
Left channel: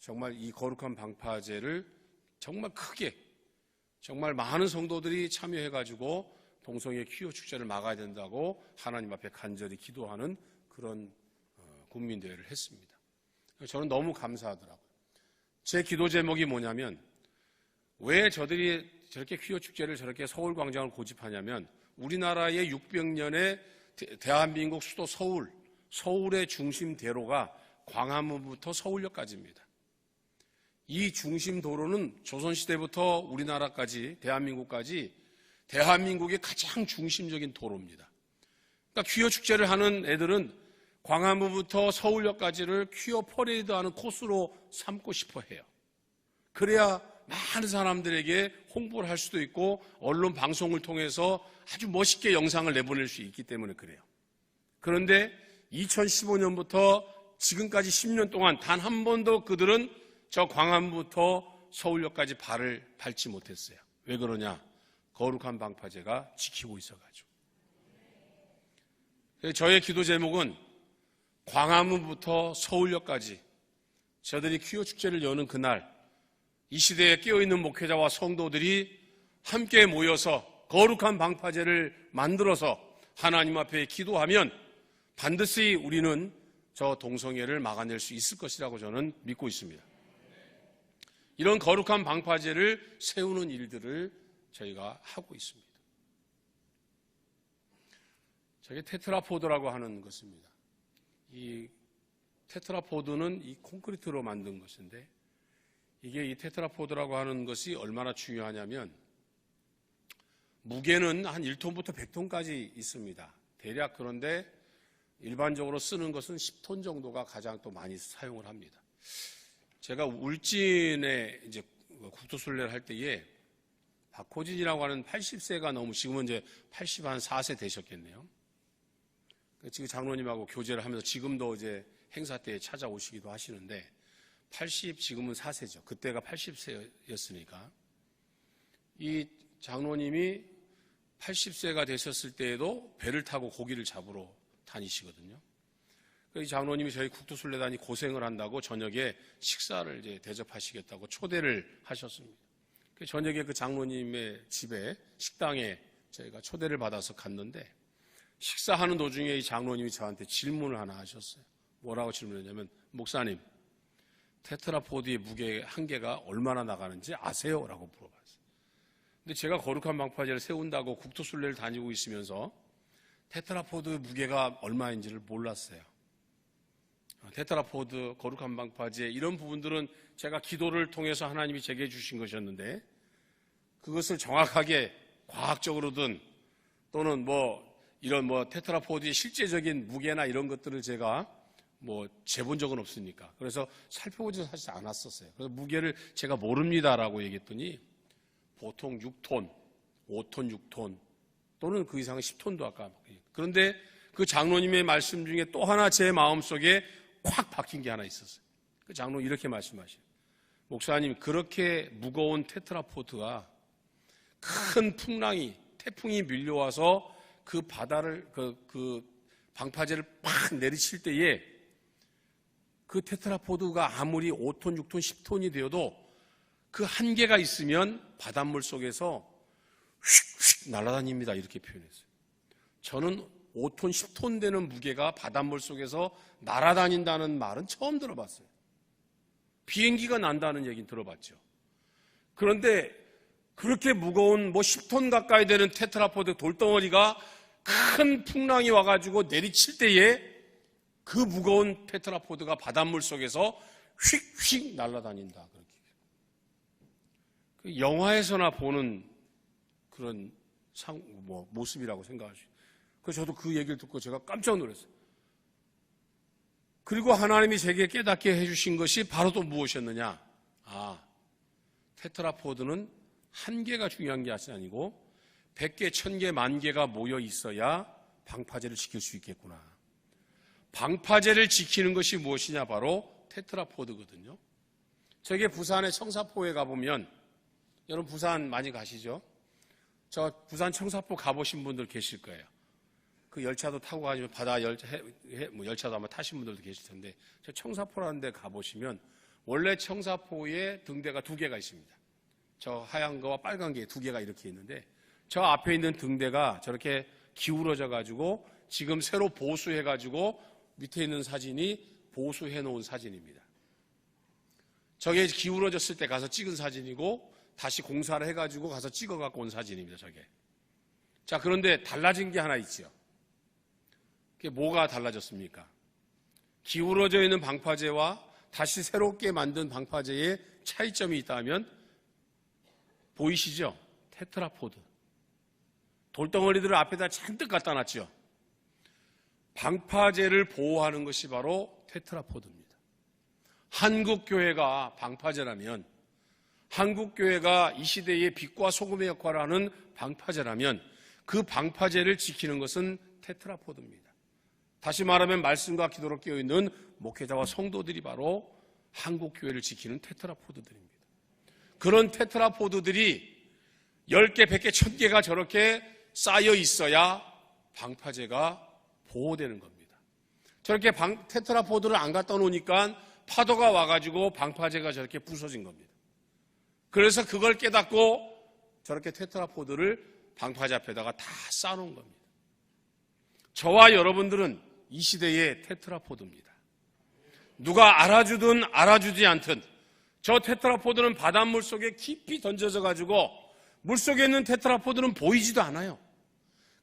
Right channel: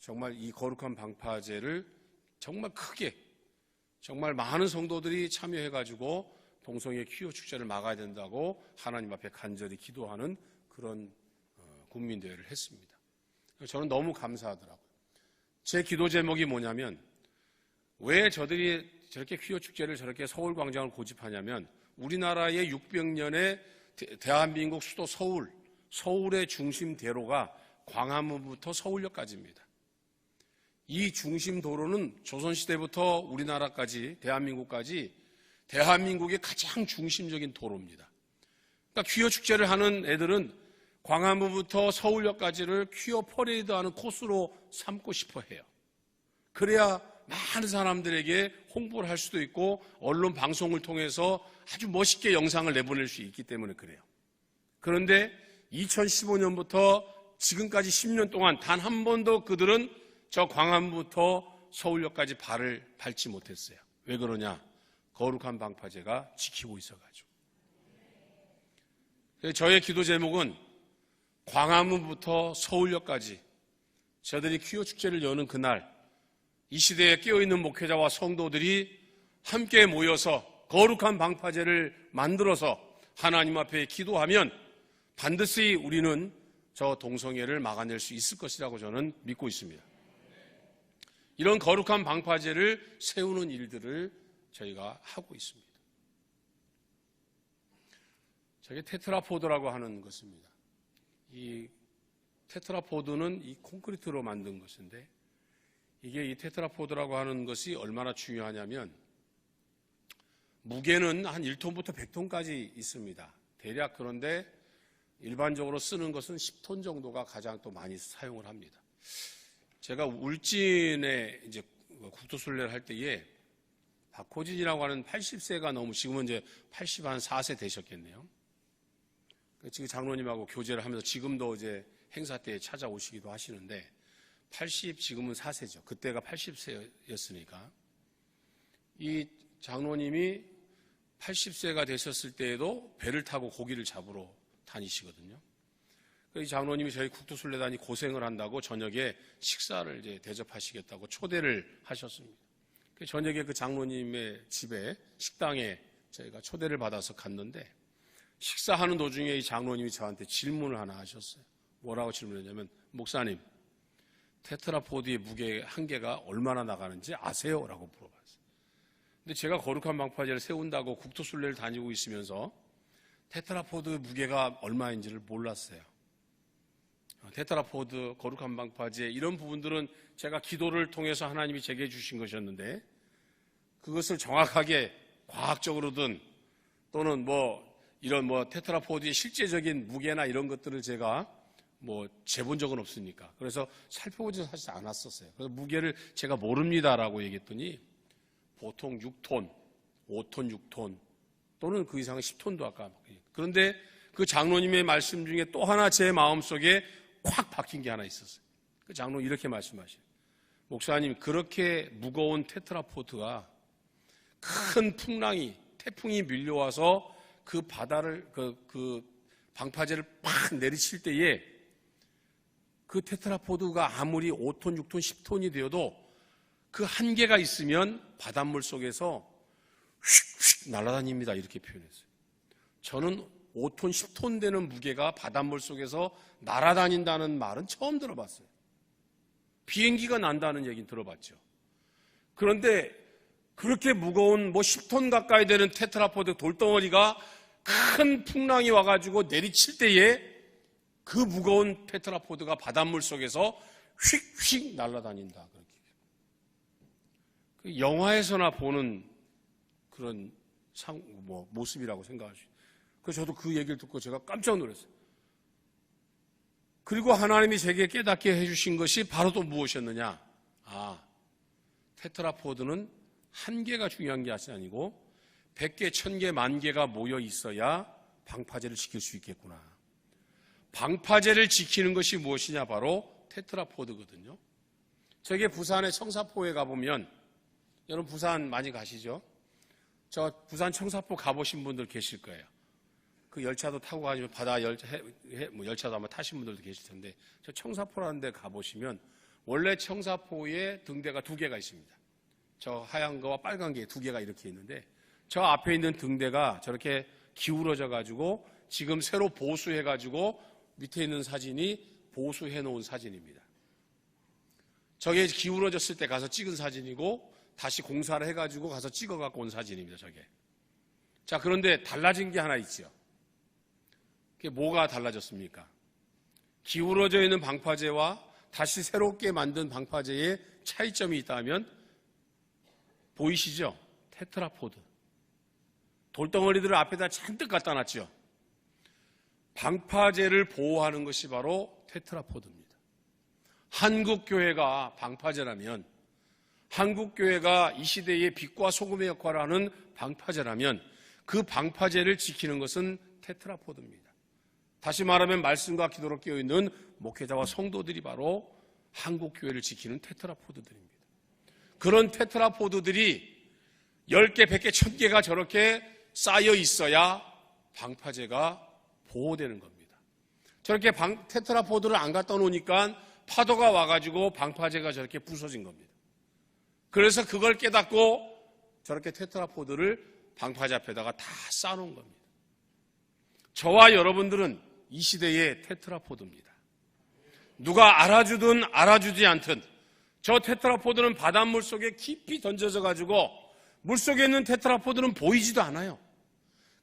정말 이 거룩한 방파제를 정말 크게 정말 많은 성도들이 참여해가지고 동성애 퀴어 축제를 막아야 된다고 하나님 앞에 간절히 기도하는 그런 국민대회를 했습니다. 저는 너무 감사하더라고요. 제 기도 제목이 뭐냐면 왜 저들이 저렇게 퀴어 축제를 저렇게 서울 광장을 고집하냐면 우리나라의 600년의 대한민국 수도 서울의 중심 대로가 광화문부터 서울역까지입니다. 이 중심 도로는 조선시대부터 우리나라까지 대한민국까지 대한민국의 가장 중심적인 도로입니다. 그러니까 퀴어 축제를 하는 애들은 광화문부터 서울역까지를 퀴어 퍼레이드하는 코스로 삼고 싶어 해요. 그래야 많은 사람들에게 홍보를 할 수도 있고 언론 방송을 통해서 아주 멋있게 영상을 내보낼 수 있기 때문에 그래요. 그런데 2015년부터 지금까지 10년 동안 단 한 번도 그들은 저 광화문부터 서울역까지 발을 밟지 못했어요. 왜 그러냐? 거룩한 방파제가 지키고 있어가지고. 저의 기도 제목은 광화문부터 서울역까지 저들이 퀴어 축제를 여는 그날 이 시대에 깨어있는 목회자와 성도들이 함께 모여서 거룩한 방파제를 만들어서 하나님 앞에 기도하면 반드시 우리는 저 동성애를 막아낼 수 있을 것이라고 저는 믿고 있습니다. 이런 거룩한 방파제를 세우는 일들을 저희가 하고 있습니다. 저게 테트라포드라고 하는 것입니다. 이 테트라포드는 이 콘크리트로 만든 것인데 이게 이 테트라포드라고 하는 것이 얼마나 중요하냐면 무게는 한 1톤부터 100톤까지 있습니다. 대략 그런데 일반적으로 쓰는 것은 10톤 정도가 가장 또 많이 사용을 합니다. 제가 울진에 이제 국토순례를 할 때에 박호진이라고 하는 80세가 넘은 지금은 이제 84세 되셨겠네요. 지금 장로님하고 교제를 하면서 지금도 이제 행사 때 찾아오시기도 하시는데 지금은 4세죠. 그때가 80세였으니까. 이 장로님이 80세가 되셨을 때에도 배를 타고 고기를 잡으러 다니시거든요. 이 장로님이 저희 국토순례단이 고생을 한다고 저녁에 식사를 이제 대접하시겠다고 초대를 하셨습니다. 저녁에 그 장로님의 집에 식당에 저희가 초대를 받아서 갔는데 식사하는 도중에 이 장로님이 저한테 질문을 하나 하셨어요. 뭐라고 질문했냐면 목사님 테트라포드의 무게 한계가 얼마나 나가는지 아세요? 라고 물어봤어요. 근데 제가 거룩한 방파제를 세운다고 국토순례를 다니고 있으면서 테트라포드 무게가 얼마인지를 몰랐어요. 테트라포드, 거룩한 방파제 이런 부분들은 제가 기도를 통해서 하나님이 제게 주신 것이었는데 그것을 정확하게 과학적으로든 또는 이런 테트라포드의 실제적인 무게나 이런 것들을 제가 재본 적은 없으니까. 그래서 살펴보지 사실 않았었어요. 그래서 무게를 제가 모릅니다라고 얘기했더니 보통 6톤, 5톤, 6톤 또는 그 이상은 10톤도 아까. 그런데 그 장로님의 말씀 중에 또 하나 제 마음속에 확 박힌 게 하나 있었어요. 그 장로 이렇게 말씀하셔요. 목사님, 그렇게 무거운 테트라포드가 큰 태풍이 밀려와서 그 바다를, 그 방파제를 팍 내리칠 때에 그 테트라포드가 아무리 5톤, 6톤, 10톤이 되어도 그 한계가 있으면 바닷물 속에서 휙휙 날아다닙니다. 이렇게 표현했어요. 저는 5톤, 10톤 되는 무게가 바닷물 속에서 날아다닌다는 말은 처음 들어봤어요. 비행기가 난다는 얘기는 들어봤죠. 그런데 그렇게 무거운 10톤 가까이 되는 테트라포드 돌덩어리가 큰 풍랑이 와가지고 내리칠 때에 그 무거운 테트라포드가 바닷물 속에서 휙휙 날아다닌다. 영화에서나 보는 그런 모습이라고 생각하시죠. 그래서 저도 그 얘기를 듣고 제가 깜짝 놀랐어요. 그리고 하나님이 제게 깨닫게 해주신 것이 바로 또 무엇이었느냐? 테트라포드는 한 개가 중요한 게 아니고 100개, 1000개, 10,000개가 모여 있어야 방파제를 지킬 수 있겠구나. 방파제를 지키는 것이 무엇이냐? 바로 테트라포드거든요. 저게 부산의 청사포에 가보면, 여러분 부산 많이 가시죠? 저 부산 청사포 가보신 분들 계실 거예요. 그 열차도 타고 가지고 바다 열차도 아마 타신 분들도 계실 텐데, 저 청사포라는 데 가보시면 원래 청사포에 등대가 2개가 있습니다. 저 하얀 거와 빨간 게 2개가 이렇게 있는데, 저 앞에 있는 등대가 저렇게 기울어져 가지고 지금 새로 보수해 가지고 밑에 있는 사진이 보수해 놓은 사진입니다. 저게 기울어졌을 때 가서 찍은 사진이고 다시 공사를 해 가지고 가서 찍어 갖고 온 사진입니다. 저게. 자, 그런데 달라진 게 하나 있죠. 그게 뭐가 달라졌습니까? 기울어져 있는 방파제와 다시 새롭게 만든 방파제의 차이점이 있다면 보이시죠? 테트라포드. 돌덩어리들을 앞에다 잔뜩 갖다 놨죠. 방파제를 보호하는 것이 바로 테트라포드입니다. 한국교회가 방파제라면, 한국교회가 이 시대의 빛과 소금의 역할을 하는 방파제라면 그 방파제를 지키는 것은 테트라포드입니다. 다시 말하면 말씀과 기도로 깨어있는 목회자와 성도들이 바로 한국교회를 지키는 테트라포드들입니다. 그런 테트라포드들이 10개, 100개, 1000개가 저렇게 쌓여 있어야 방파제가 보호되는 겁니다. 저렇게 테트라포드를 안 갖다 놓으니까 파도가 와가지고 방파제가 저렇게 부서진 겁니다. 그래서 그걸 깨닫고 저렇게 테트라포드를 방파제 앞에다가 다 쌓아놓은 겁니다. 저와 여러분들은 이 시대의 테트라포드입니다. 누가 알아주든 알아주지 않든 저 테트라포드는 바닷물 속에 깊이 던져져 가지고 물속에 있는 테트라포드는 보이지도 않아요.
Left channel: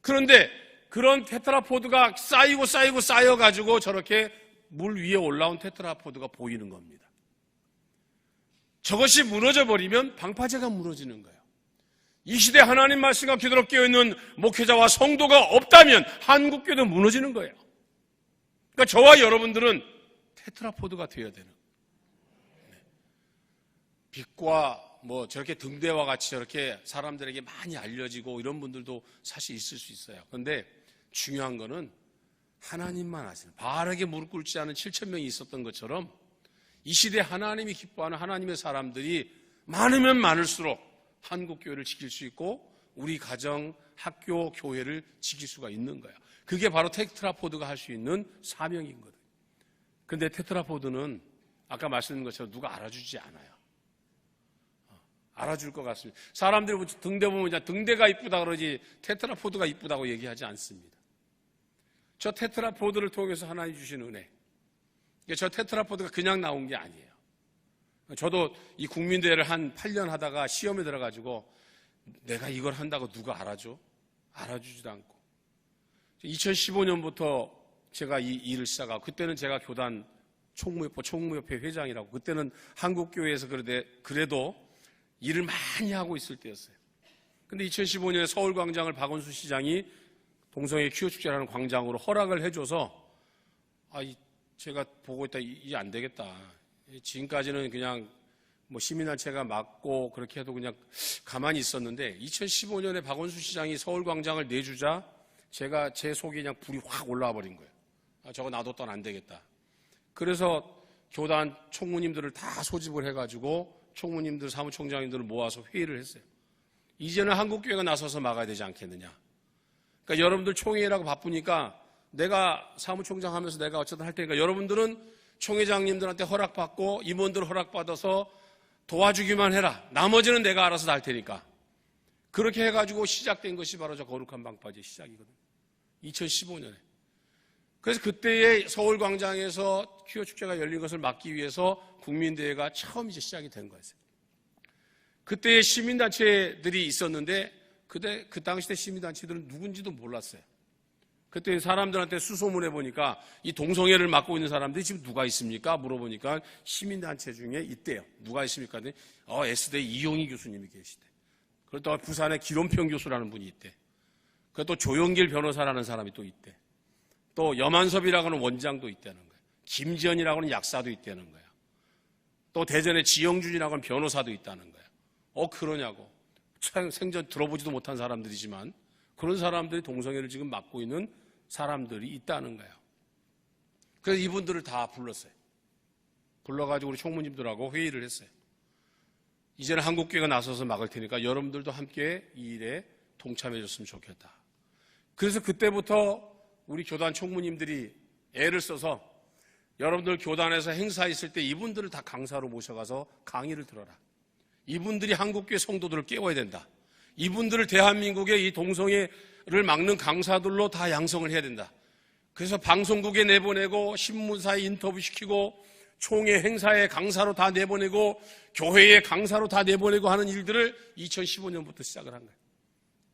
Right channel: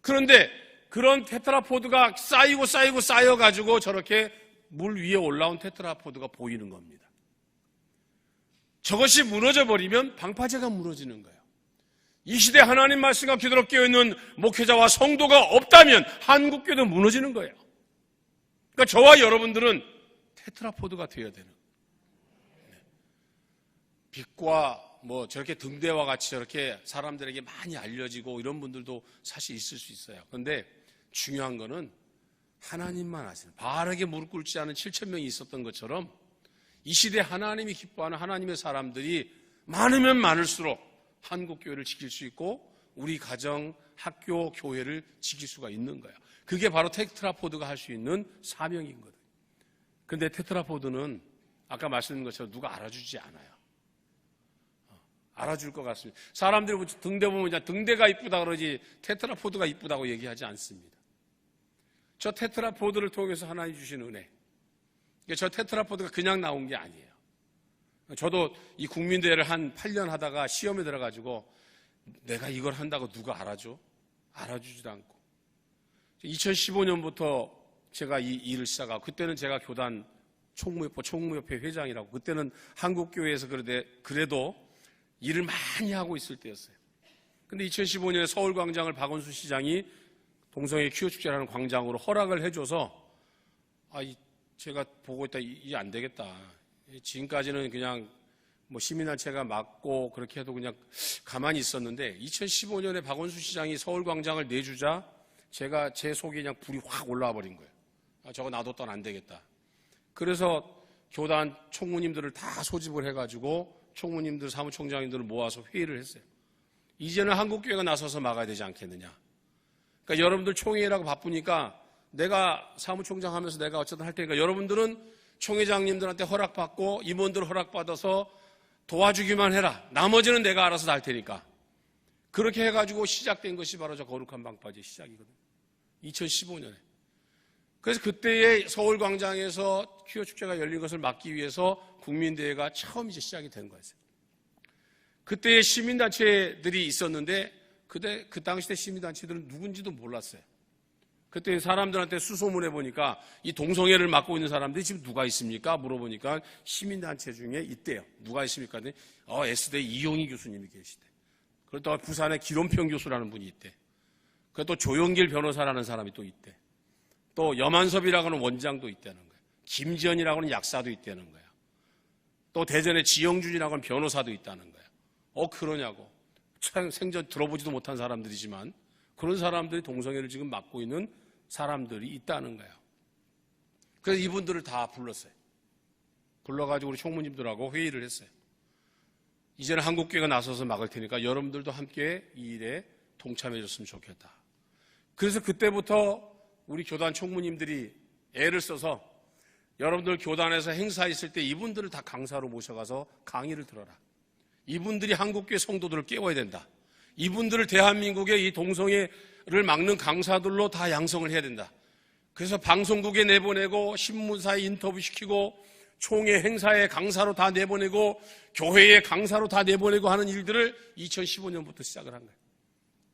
그런데 그런 테트라포드가 쌓여가지고 저렇게 물 위에 올라온 테트라포드가 보이는 겁니다. 저것이 무너져버리면 방파제가 무너지는 거예요. 이 시대 하나님 말씀과 기도로 깨어있는 목회자와 성도가 없다면 한국교회도 무너지는 거예요. 그러니까 저와 여러분들은 테트라포드가 되어야 되는 거예요. 빛과 저렇게 등대와 같이 저렇게 사람들에게 많이 알려지고 이런 분들도 사실 있을 수 있어요. 그런데 중요한 거는 하나님만 아시는, 바르게 무릎 꿇지 않은 7,000명이 있었던 것처럼 이 시대 하나님이 기뻐하는 하나님의 사람들이 많으면 많을수록 한국교회를 지킬 수 있고 우리 가정, 학교, 교회를 지킬 수가 있는 거예요. 그게 바로 테트라포드가 할 수 있는 사명인 거예요. 그런데 테트라포드는 아까 말씀드린 것처럼 누가 알아주지 않아요. 알아줄 것 같습니다. 사람들이 등대 보면 그냥 등대가 이쁘다 그러지 테트라포드가 이쁘다고 얘기하지 않습니다. 저 테트라포드를 통해서 하나님 주신 은혜. 저 테트라포드가 그냥 나온 게 아니에요. 저도 이 국민대회를 한 8년 하다가 시험에 들어가지고 내가 이걸 한다고 누가 알아줘? 알아주지도 않고. 2015년부터 제가 이 일을 시작하고 그때는 제가 교단 총무협회 회장이라고 그때는 한국교회에서 그래도 일을 많이 하고 있을 때였어요. 근데 2015년에 서울광장을 박원순 시장이 동성애 퀴어축제라는 광장으로 허락을 해줘서 제가 보고 있다 이게 안 되겠다. 지금까지는 그냥 시민단체가 막고 그렇게 해도 그냥 가만히 있었는데 2015년에 박원순 시장이 서울광장을 내주자 제가 제 속에 그냥 불이 확 올라와 버린 거예요. 저거 놔뒀더니 안 되겠다. 그래서 교단 총무님들을 다 소집을 해가지고 총무님들, 사무총장님들을 모아서 회의를 했어요. 이제는 한국교회가 나서서 막아야 되지 않겠느냐. 그러니까 여러분들 총회라고 바쁘니까 내가 사무총장 하면서 내가 어쨌든 할 테니까 여러분들은 총회장님들한테 허락받고 임원들 허락받아서 도와주기만 해라. 나머지는 내가 알아서 할 테니까. 그렇게 해가지고 시작된 것이 바로 저 거룩한 방파제 시작이거든요. 2015년에. 그래서 그때의 서울광장에서 퀴어 축제가 열린 것을 막기 위해서 국민대회가 처음 이제 시작이 된 거였어요. 그때의 시민단체들이 있었는데 그 당시 때 시민단체들은 누군지도 몰랐어요. 그때 사람들한테 수소문해 보니까 이 동성애를 맡고 있는 사람들이 지금 누가 있습니까? 물어보니까 시민단체 중에 있대요. 누가 있습니까? S대 이용희 교수님이 계시대. 그리고 또 부산에 기론평 교수라는 분이 있대. 그리고 또 조영길 변호사라는 사람이 또 있대. 또 염한섭이라고 하는 원장도 있다는 거예요. 김지연이라고 하는 약사도 있다는 거야. 또 대전에 지영준이라고 하는 변호사도 있다는 거야. 그러냐고. 생전 들어보지도 못한 사람들이지만 그런 사람들이 동성애를 지금 맡고 있는 사람들이 있다는 거예요. 그래서 이분들을 다 불렀어요. 불러가지고 우리 총무님들하고 회의를 했어요. 이제는 한국교회가 나서서 막을 테니까 여러분들도 함께 이 일에 동참해 줬으면 좋겠다. 그래서 그때부터 우리 교단 총무님들이 애를 써서 여러분들 교단에서 행사 있을 때 이분들을 다 강사로 모셔가서 강의를 들어라. 이분들이 한국교회 성도들을 깨워야 된다. 이분들을 대한민국의 이 동성애를 막는 강사들로 다 양성을 해야 된다. 그래서 방송국에 내보내고 신문사에 인터뷰시키고 총회 행사에 강사로 다 내보내고 교회에 강사로 다 내보내고 하는 일들을 2015년부터 시작을 한 거예요.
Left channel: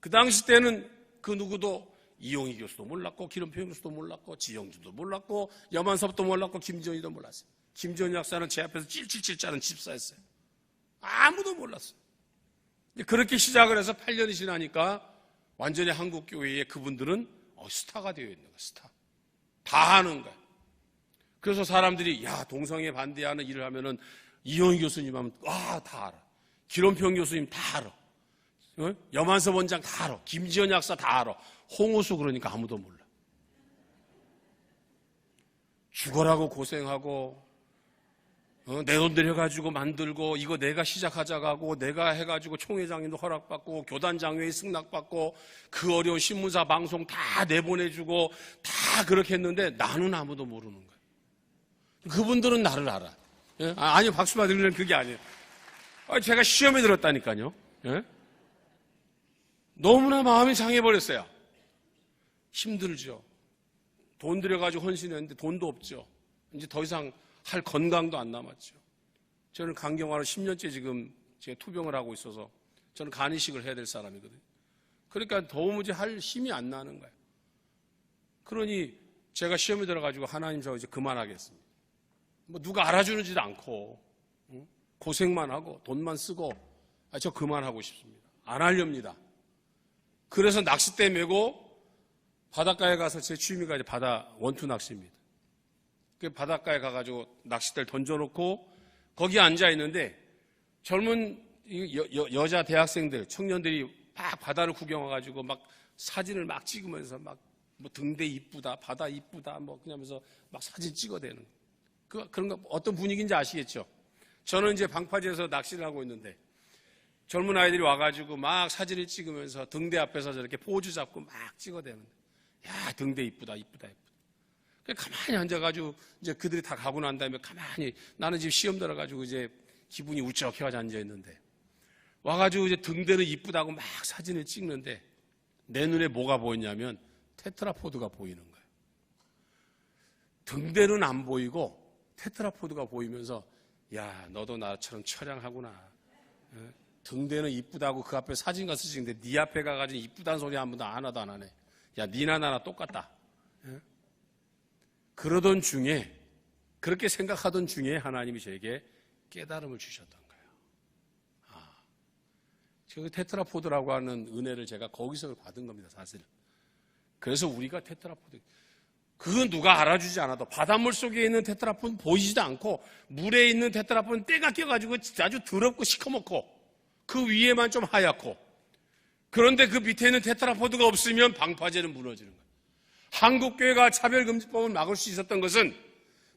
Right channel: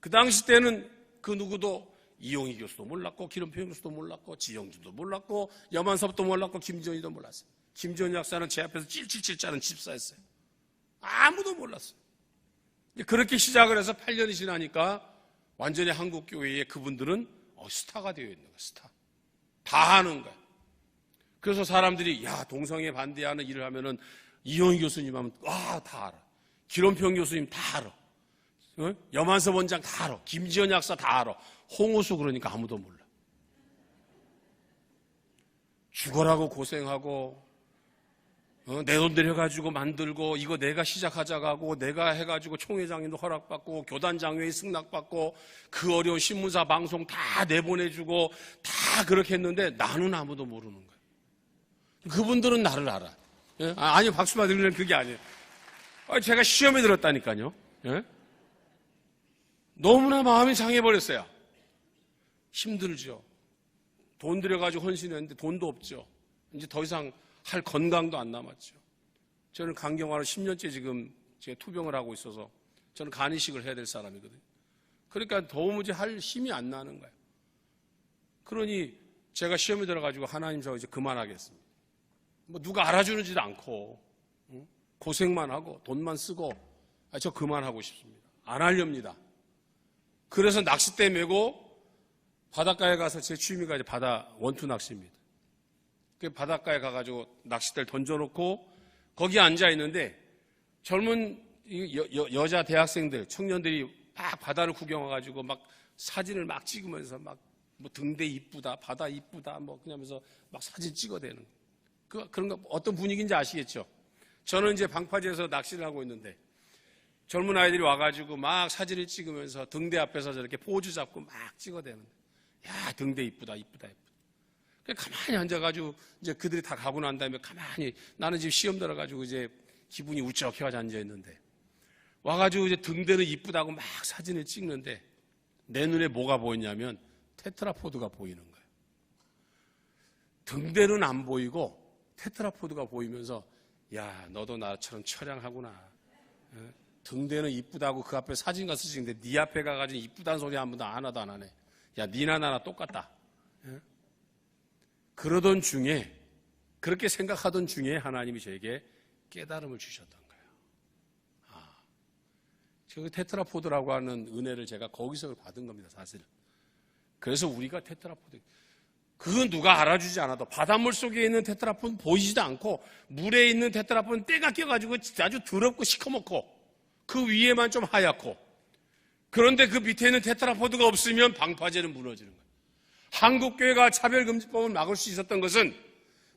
그 당시 때는 그 누구도 이용희 교수도 몰랐고 기름평 교수도 몰랐고 지영준도 몰랐고 염한섭도 몰랐고 김지연이도 몰랐어요. 김지연 약사는 제 앞에서 찔찔찔 짜는 집사였어요. 아무도 몰랐어요. 그렇게 시작을 해서 8년이 지나니까 완전히 한국교회에 그분들은 스타가 되어 있는 거예요. 스타. 다 하는 거예요. 그래서 사람들이 동성애 반대하는 일을 하면은 이용희 교수님 하면 다 알아. 기론평 교수님 다 알아. 염한섭 원장 다 알아. 김지연 약사 다 알아. 홍우수 그러니까 아무도 몰라. 죽어라고 고생하고 내 돈 들여가지고 만들고 이거 내가 시작하자고 하고 내가 해가지고 총회장님도 허락받고 교단장회의 승낙받고 그 어려운 신문사 방송 다 내보내주고 다 그렇게 했는데 나는 아무도 모르는 거야. 그분들은 나를 알아. 아니요, 박수 받으려면 그게 아니에요. 제가 시험에 들었다니까요. 너무나 마음이 상해버렸어요. 힘들죠. 돈 들여가지고 헌신했는데 돈도 없죠. 이제 더 이상 할 건강도 안 남았죠. 저는 간경화로 10년째 지금 제가 투병을 하고 있어서 저는 간이식을 해야 될 사람이거든요. 그러니까 도무지 할 힘이 안 나는 거예요. 그러니 제가 시험에 들어가지고 하나님 저 이제 그만하겠습니다. 누가 알아주는지도 않고 고생만 하고 돈만 쓰고 저 그만하고 싶습니다. 안 하렵니다. 그래서 낚싯대 메고 바닷가에 가서 제 취미가 이제 바다 원투 낚시입니다. 바닷가에 가가지고 낚싯대를 던져놓고 거기 앉아 있는데 젊은 여자 대학생들, 청년들이 막 바다를 구경 와가지고 막 사진을 막 찍으면서 막 뭐 등대 이쁘다, 바다 이쁘다, 뭐 그냥 하면서 막 사진 찍어대는 그런 거 어떤 분위기인지 아시겠죠? 저는 이제 방파제에서 낚시를 하고 있는데 젊은 아이들이 와가지고 막 사진을 찍으면서 등대 앞에서 저렇게 포즈 잡고 막 찍어대는 야 등대 이쁘다, 이쁘다, 이쁘다. 가만히 앉아가지고 이제 그들이 다 가고 난 다음에 가만히 나는 지금 시험 들어가지고 이제 기분이 우쩍해가지고 앉아있는데 와가지고 이제 등대는 이쁘다고 막 사진을 찍는데 내 눈에 뭐가 보이냐면 테트라포드가 보이는 거예요. 등대는 안 보이고 테트라포드가 보이면서 야 너도 나처럼 처량하구나. 등대는 이쁘다고 그 앞에 사진 가서 찍는데 네 앞에 가가지고 이쁘다는 소리 한 번도 하나도 안 하네. 야 니나 나나 똑같다. 그러던 중에 그렇게 생각하던 중에 하나님이 저에게 깨달음을 주셨던 거예요. 저 테트라포드라고 하는 은혜를 제가 거기서 받은 겁니다, 사실. 그래서 우리가 테트라포드, 그건 누가 알아주지 않아도 바닷물 속에 있는 테트라포드는 보이지도 않고 물에 있는 테트라포드는 때가 껴가지고 아주 더럽고 시커멓고 그 위에만 좀 하얗고 그런데 그 밑에 있는 테트라포드가 없으면 방파제는 무너지는 거예요. 한국교회가 차별금지법을 막을 수 있었던 것은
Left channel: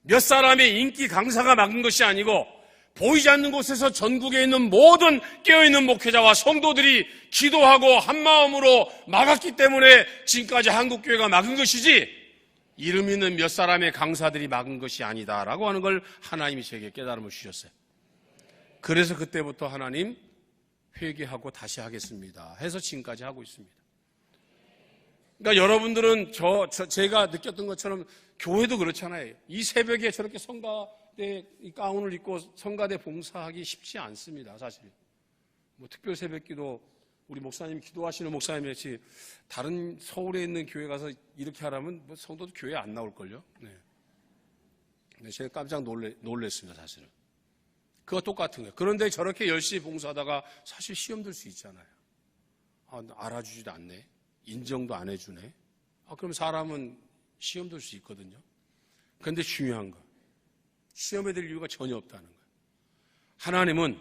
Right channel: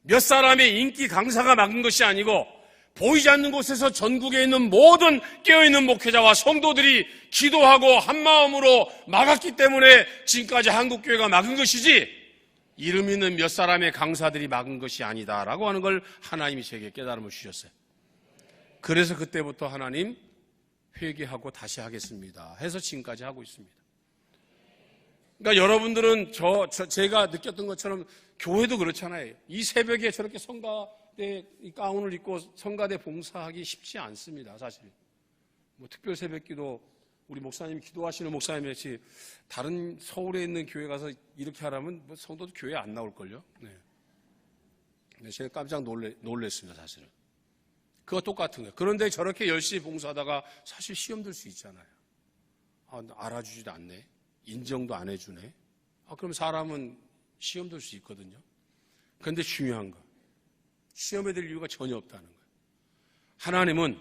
몇 사람의 인기 강사가 막은 것이 아니고 보이지 않는 곳에서 전국에 있는 모든 깨어있는 목회자와 성도들이 기도하고 한마음으로 막았기 때문에 지금까지 한국교회가 막은 것이지 이름 있는 몇 사람의 강사들이 막은 것이 아니다라고 하는 걸 하나님이 제게 깨달음을 주셨어요. 그래서 그때부터 하나님 회개하고 다시 하겠습니다 해서 지금까지 하고 있습니다. 그러니까 여러분들은 제가 느꼈던 것처럼 교회도 그렇잖아요. 이 새벽에 저렇게 성가대 가운을 입고 성가대 봉사하기 쉽지 않습니다. 사실 뭐 특별 새벽기도 우리 목사님 기도하시는 목사님이었지 다른 서울에 있는 교회 가서 이렇게 하라면 뭐 성도도 교회 안 나올걸요. 네. 제가 깜짝 놀랬습니다. 사실은 그거 똑같은 거예요. 그런데 저렇게 열심히 봉사하다가 사실 시험 들 수 있잖아요. 알아주지도 않네, 인정도 안 해주네. 그럼 사람은 시험 들 수 있거든요. 그런데 중요한 건 시험에 들 이유가 전혀 없다는 거예요. 하나님은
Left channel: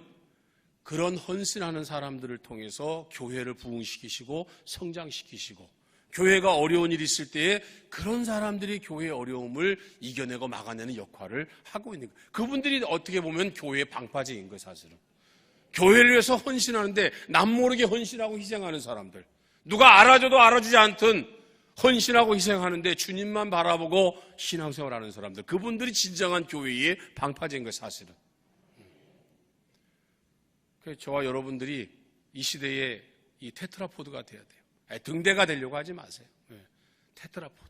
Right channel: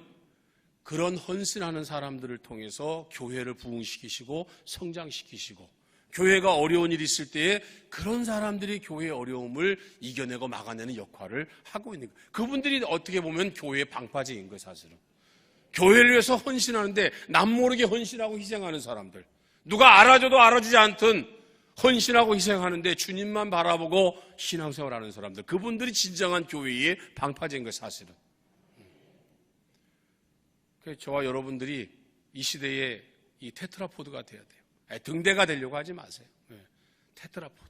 그런 헌신하는 사람들을 통해서 교회를 부흥시키시고 성장시키시고 교회가 어려운 일이 있을 때에 그런 사람들이 교회의 어려움을 이겨내고 막아내는 역할을 하고 있는 거예요. 그분들이 어떻게 보면 교회의 방파제인 거예요. 사실은 교회를 위해서 헌신하는데 남모르게 헌신하고 희생하는 사람들, 누가 알아줘도 알아주지 않든 헌신하고 희생하는데 주님만 바라보고 신앙생활하는 사람들, 그분들이 진정한 교회의 방파제인 거예요. 사실은 저와 여러분들이 이 시대에 이 테트라포드가 돼야 돼요. 등대가 되려고 하지 마세요. 테트라포드.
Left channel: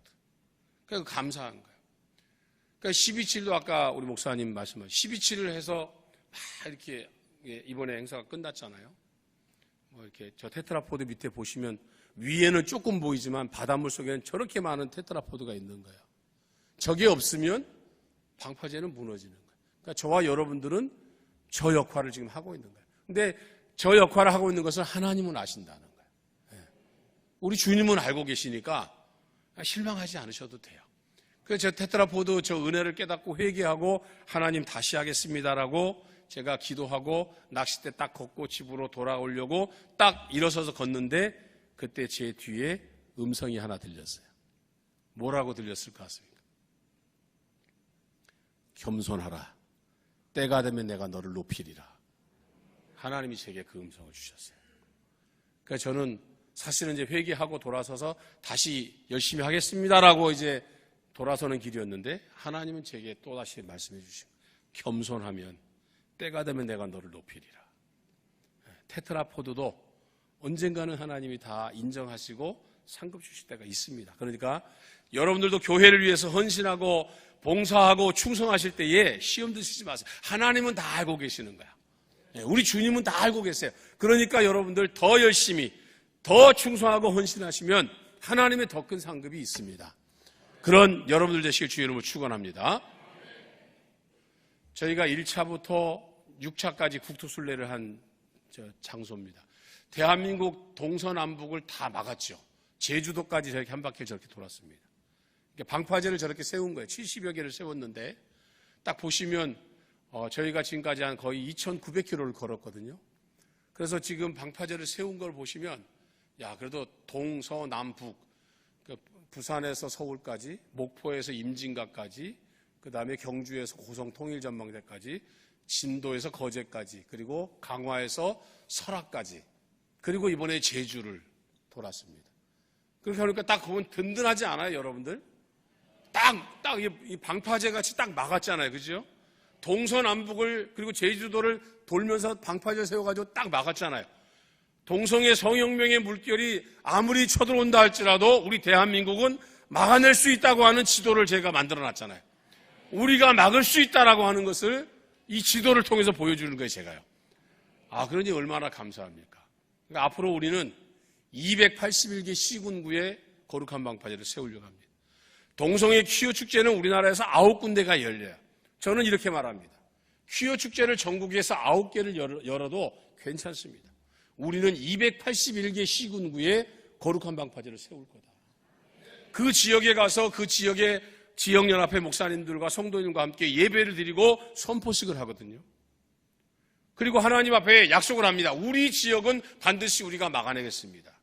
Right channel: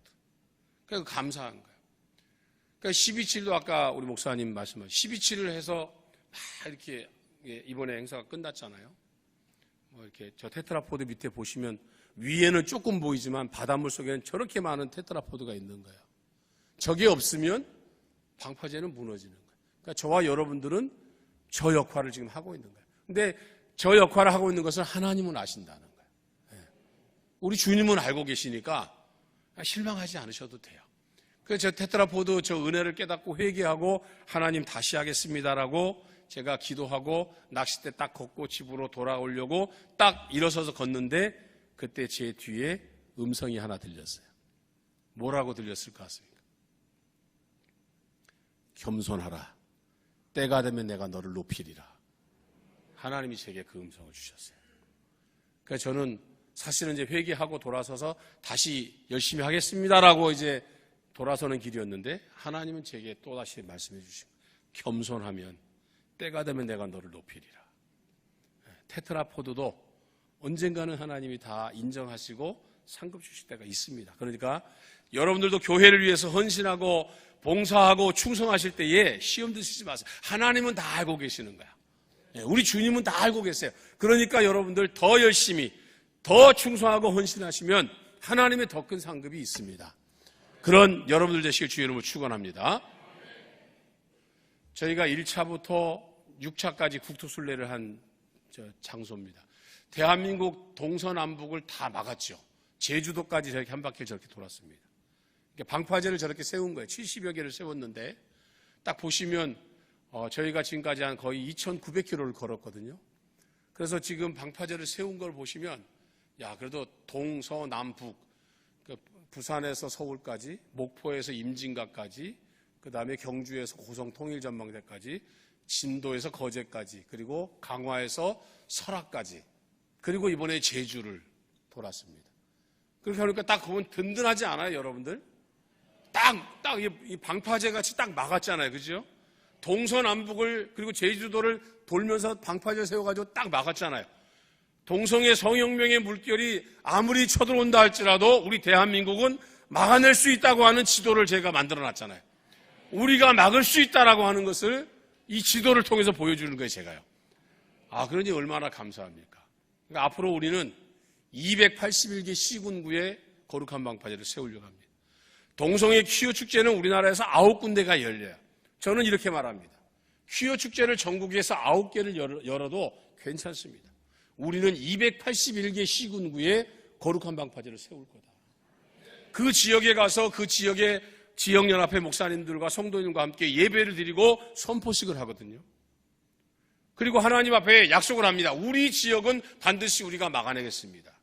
그러니까 감사한 거예요. 그러니까 12.7도 아까 우리 목사님 말씀하신 12.7을 해서 막 이렇게 이번에 행사가 끝났잖아요. 이렇게 저 테트라포드 밑에 보시면 위에는 조금 보이지만 바닷물 속에는 저렇게 많은 테트라포드가 있는 거예요. 저게 없으면 방파제는 무너지는 거예요. 그러니까 저와 여러분들은 저 역할을 지금 하고 있는 거예요. 근데 저 역할을 하고 있는 것은 하나님은 아신다는 거예요. 우리 주님은 알고 계시니까 실망하지 않으셔도 돼요. 그래서 저 테트라포드 저 은혜를 깨닫고 회개하고 하나님 다시 하겠습니다라고 제가 기도하고 낚싯대 딱 걷고 집으로 돌아오려고 딱 일어서서 걷는데 그때 제 뒤에 음성이 하나 들렸어요. 뭐라고 들렸을 것 같습니까? 겸손하라. 때가 되면 내가 너를 높이리라. 하나님이 제게 그 음성을 주셨어요. 그러니까 저는 사실은 이제 회개하고 돌아서서 다시 열심히 하겠습니다라고 이제 돌아서는 길이었는데 하나님은 제게 또다시 말씀해 주시고 겸손하면 때가 되면 내가 너를 높이리라. 테트라포드도 언젠가는 하나님이 다 인정하시고 상급 주실 때가 있습니다. 그러니까 여러분들도 교회를 위해서 헌신하고 봉사하고 충성하실 때에 시험 드시지 마세요. 하나님은 다 알고 계시는 거야. 우리 주님은 다 알고 계세요. 그러니까 여러분들 더 열심히 더 충성하고 헌신하시면 하나님의 더 큰 상급이 있습니다. 그런 여러분들 되시길 주의 이름으로 축원합니다. 저희가 1차부터 6차까지 국토순례를 한 장소입니다. 대한민국 동서남북을 다 막았죠. 제주도까지 저렇게 한 바퀴 저렇게 돌았습니다. 방파제를 저렇게 세운 거예요. 70여 개를 세웠는데 딱 보시면 저희가 지금까지 한 거의 2,900km를 걸었거든요. 그래서 지금 방파제를 세운 걸 보시면 그래도 동서남북 부산에서 서울까지, 목포에서 임진각까지, 그 다음에 경주에서 고성 통일전망대까지, 진도에서 거제까지, 그리고 강화에서 설악까지, 그리고 이번에 제주를 돌았습니다. 그렇게 하니까 딱 그건 든든하지 않아요, 여러분들? 딱 이 방파제 같이 딱 막았잖아요, 그죠? 동서남북을 그리고 제주도를 돌면서 방파제 세워가지고 딱 막았잖아요. 동성의 성혁명의 물결이 아무리 쳐들어온다 할지라도 우리 대한민국은 막아낼 수 있다고 하는 지도를 제가 만들어놨잖아요. 우리가 막을 수 있다라고 하는 것을 이 지도를 통해서 보여주는 거예요, 제가요. 그러니 얼마나 감사합니까? 그러니까 앞으로 우리는 281개 시군구에 거룩한 방파제를 세우려고 합니다. 동성애 퀴어 축제는 우리나라에서 9군데가 열려요. 저는 이렇게 말합니다. 퀴어 축제를 전국에서 9개를 열어도 괜찮습니다. 우리는 281개 시군구에 거룩한 방파제를 세울 거다. 그 지역에 가서 그 지역의 지역연합회 목사님들과 성도님과 함께 예배를 드리고 선포식을 하거든요. 그리고 하나님 앞에 약속을 합니다. 우리 지역은 반드시 우리가 막아내겠습니다.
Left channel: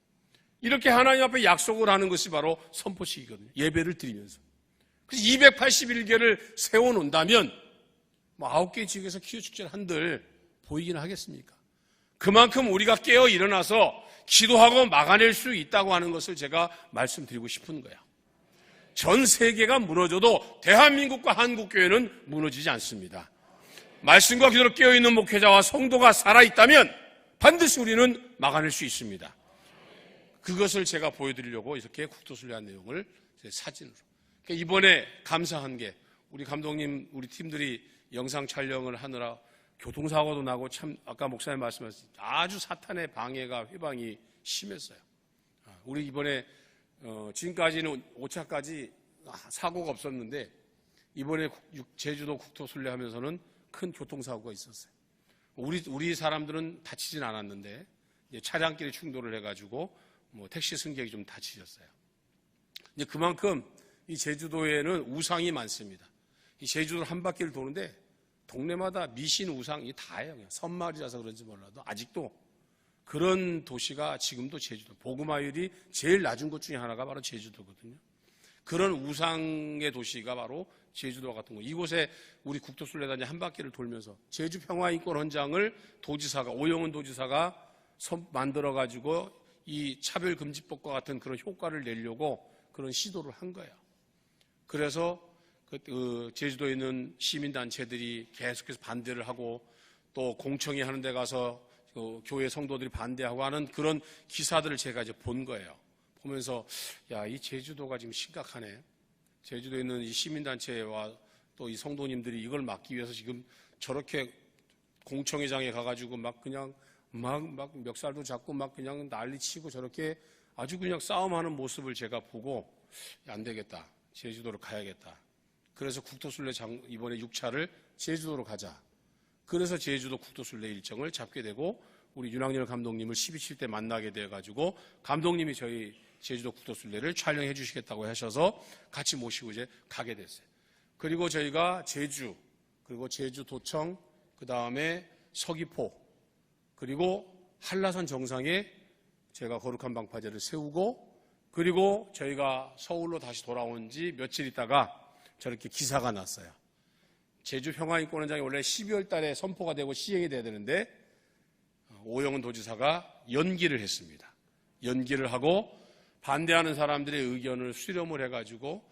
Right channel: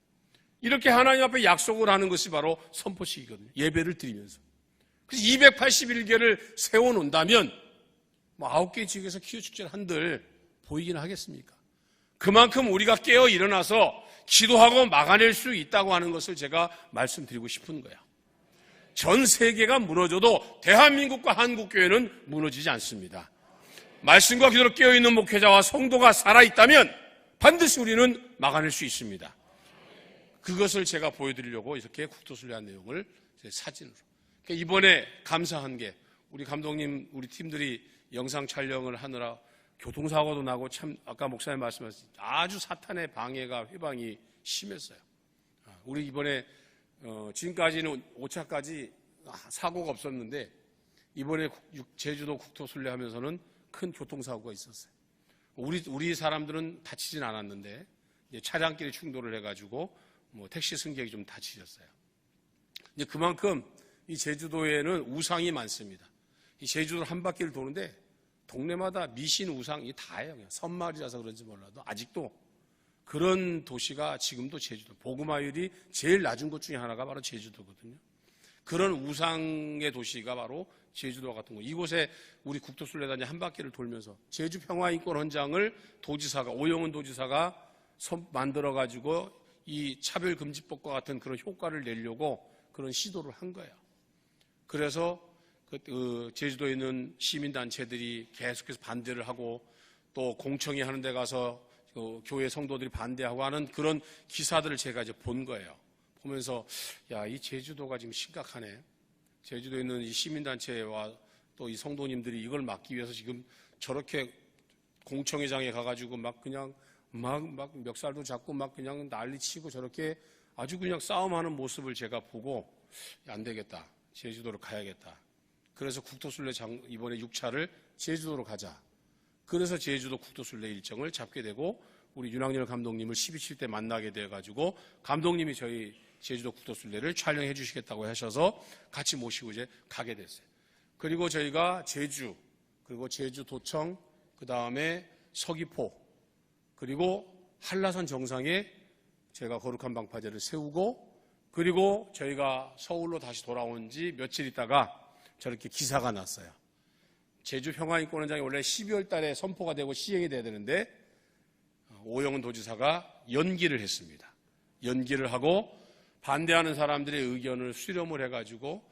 이렇게 하나님 앞에 약속을 하는 것이 바로 선포식이거든요. 예배를 드리면서. 그래서 281개를 세워놓는다면 9개 지역에서 퀴어 축제를 한들 보이긴 하겠습니까? 그만큼 우리가 깨어 일어나서 기도하고 막아낼 수 있다고 하는 것을 제가 말씀드리고 싶은 거야. 전 세계가 무너져도 대한민국과 한국교회는 무너지지 않습니다. 말씀과 기도로 깨어있는 목회자와 성도가 살아있다면 반드시 우리는 막아낼 수 있습니다. 그것을 제가 보여드리려고 이렇게 국토순례한 내용을 사진으로. 이번에 감사한 게 우리 감독님, 우리 팀들이 영상 촬영을 하느라 교통사고도 나고 참 아까 목사님 말씀하신 아주 사탄의 방해가 회방이 심했어요. 우리 이번에 지금까지는 5차까지 사고가 없었는데 이번에 제주도 국토순례 하면서는 큰 교통사고가 있었어요. 우리 사람들은 다치진 않았는데 차량끼리 충돌을 해가지고 택시 승객이 좀 다치셨어요. 이제 그만큼 이 제주도에는 우상이 많습니다. 이 제주도 한 바퀴를 도는데 동네마다 미신 우상이 다예요. 선마을이라서 그런지 몰라도 아직도 그런 도시가 지금도 제주도. 보그마율이 제일 낮은 곳 중에 하나가 바로 제주도거든요. 그런 우상의 도시가 바로 제주도 같은 거. 이곳에 우리 국토순례단이 한 바퀴를 돌면서 제주 평화인권 헌장을 도지사가, 오영훈 도지사가 만들어가지고 이 차별금지법과 같은 그런 효과를 내려고 그런 시도를 한 거예요. 그래서 제주도에 있는 시민단체들이 계속해서 반대를 하고 또 공청회 하는 데 가서 교회 성도들이 반대하고 하는 그런 기사들을 제가 이제 본 거예요. 보면서 야, 이 제주도가 지금 심각하네. 제주도에 있는 이 시민단체와 또 이 성도님들이 이걸 막기 위해서 지금 저렇게 공청회장에 가가지고 막 그냥 막 멱살도 잡고 막 그냥 난리치고 저렇게 아주 그냥 싸움하는 모습을 제가 보고 안 되겠다. 제주도로 가야겠다. 그래서 국토순례 이번에 6차를 제주도로 가자. 그래서 제주도 국토순례 일정을 잡게 되고 우리 윤학열 감독님을 12.7 때 만나게 돼가지고 감독님이 저희 제주도 국토순례를 촬영해 주시겠다고 하셔서 같이 모시고 이제 가게 됐어요. 그리고 저희가 제주, 그리고 제주도청, 그 다음에 서귀포, 그리고 한라산 정상에 제가 거룩한 방파제를 세우고 그리고 저희가 서울로 다시 돌아온 지 며칠 있다가 저렇게 기사가 났어요. 제주 평화인권헌장이 원래 12월 달에 선포가 되고 시행이 돼야 되는데 오영훈 도지사가 연기를 했습니다. 연기를 하고 반대하는 사람들의 의견을 수렴을 해가지고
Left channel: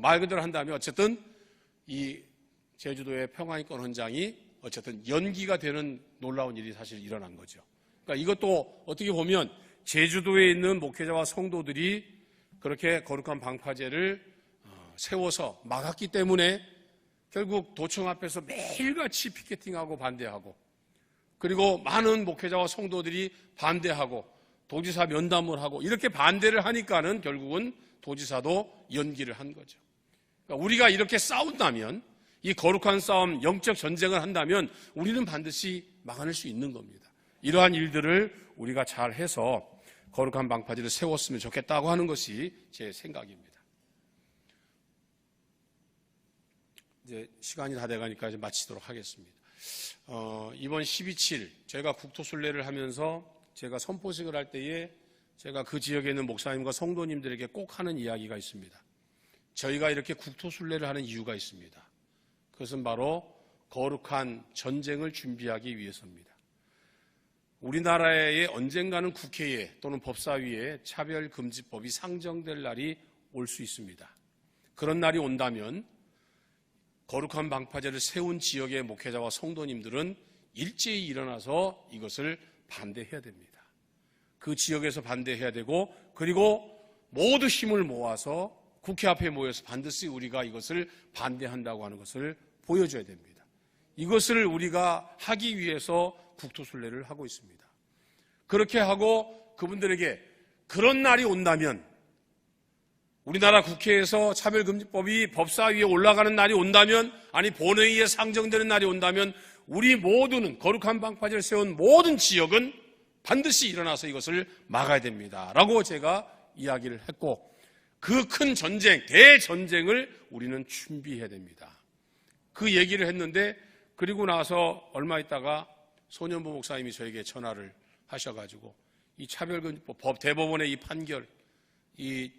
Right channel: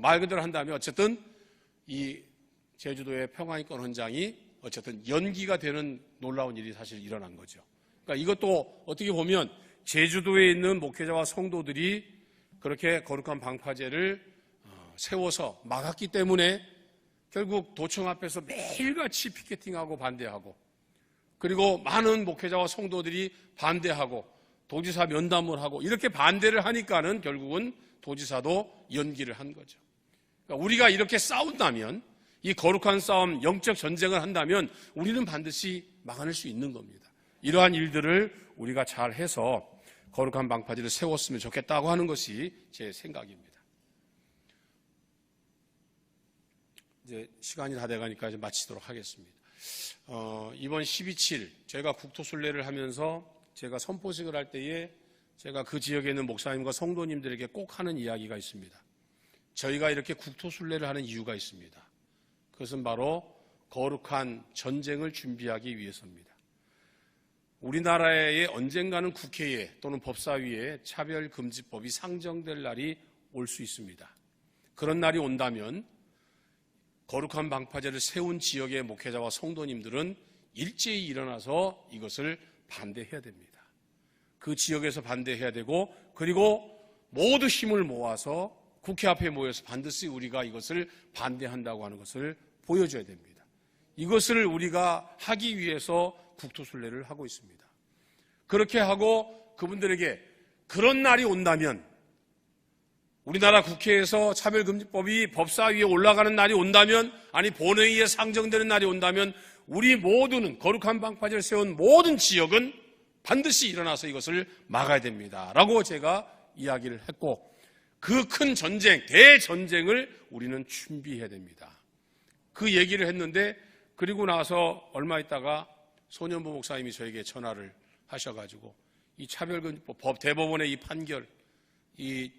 말 그대로 한다면 어쨌든 이 제주도의 평화인권헌장이 어쨌든 연기가 되는 놀라운 일이 사실 일어난 거죠. 그러니까 이것도 어떻게 보면 제주도에 있는 목회자와 성도들이 그렇게 거룩한 방파제를 세워서 막았기 때문에 결국 도청 앞에서 매일같이 피켓팅하고 반대하고 그리고 많은 목회자와 성도들이 반대하고 도지사 면담을 하고 이렇게 반대를 하니까는 결국은 도지사도 연기를 한 거죠. 그러니까 우리가 이렇게 싸운다면 이 거룩한 싸움, 영적 전쟁을 한다면 우리는 반드시 막아낼 수 있는 겁니다. 이러한 일들을 우리가 잘 해서 거룩한 방파제를 세웠으면 좋겠다고 하는 것이 제 생각입니다. 이제 시간이 다 돼가니까 이제 마치도록 하겠습니다. 이번 12.7 제가 국토순례를 하면서 제가 선포식을 할 때에 제가 그 지역에 있는 목사님과 성도님들에게 꼭 하는 이야기가 있습니다. 저희가 이렇게 국토순례를 하는 이유가 있습니다. 그것은 바로 거룩한 전쟁을 준비하기 위해서입니다. 우리나라에 언젠가는 국회에 또는 법사위에 차별금지법이 상정될 날이 올 수 있습니다. 그런 날이 온다면 거룩한 방파제를 세운 지역의 목회자와 성도님들은 일제히 일어나서 이것을 반대해야 됩니다. 그 지역에서 반대해야 되고 그리고 모두 힘을 모아서 국회 앞에 모여서 반드시 우리가 이것을 반대한다고 하는 것을 보여줘야 됩니다. 이것을 우리가 하기 위해서 국토순례를 하고 있습니다. 그렇게 하고 그분들에게 그런 날이 온다면 우리나라 국회에서 차별금지법이 법사위에 올라가는 날이 온다면 아니 본회의에 상정되는 날이 온다면 우리 모두는 거룩한 방파제를 세운 모든 지역은 반드시 일어나서 이것을 막아야 됩니다. 라고 제가 이야기를 했고 그 큰 전쟁, 대전쟁을 우리는 준비해야 됩니다. 그 얘기를 했는데 그리고 나서 얼마 있다가 소년부 목사님이 저에게 전화를 하셔가지고 이 차별금지법 대법원의 이 판결, 이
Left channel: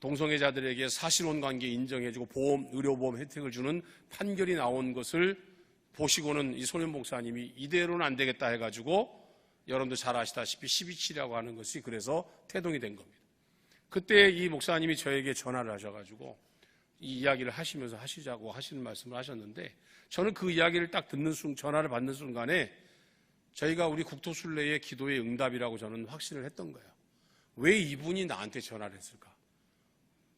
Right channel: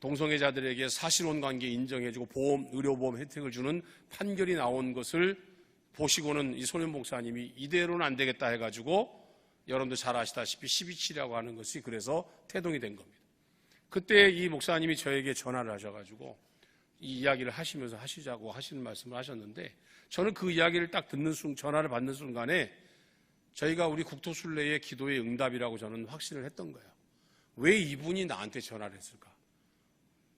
동성애자들에게 사실혼 관계 인정해주고 의료보험 혜택을 주는 판결이 나온 것을 보시고는 이 소년 목사님이 이대로는 안 되겠다 해가지고 여러분들 잘 아시다시피 12.7이라고 하는 것이 그래서 태동이 된 겁니다. 그때 이 목사님이 저에게 전화를 하셔가지고 이 이야기를 하시면서 하시자고 하시는 말씀을 하셨는데, 저는 그 이야기를 딱 전화를 받는 순간에 저희가 우리 국토순례의 기도의 응답이라고 저는 확신을 했던 거예요. 왜 이분이 나한테 전화를 했을까?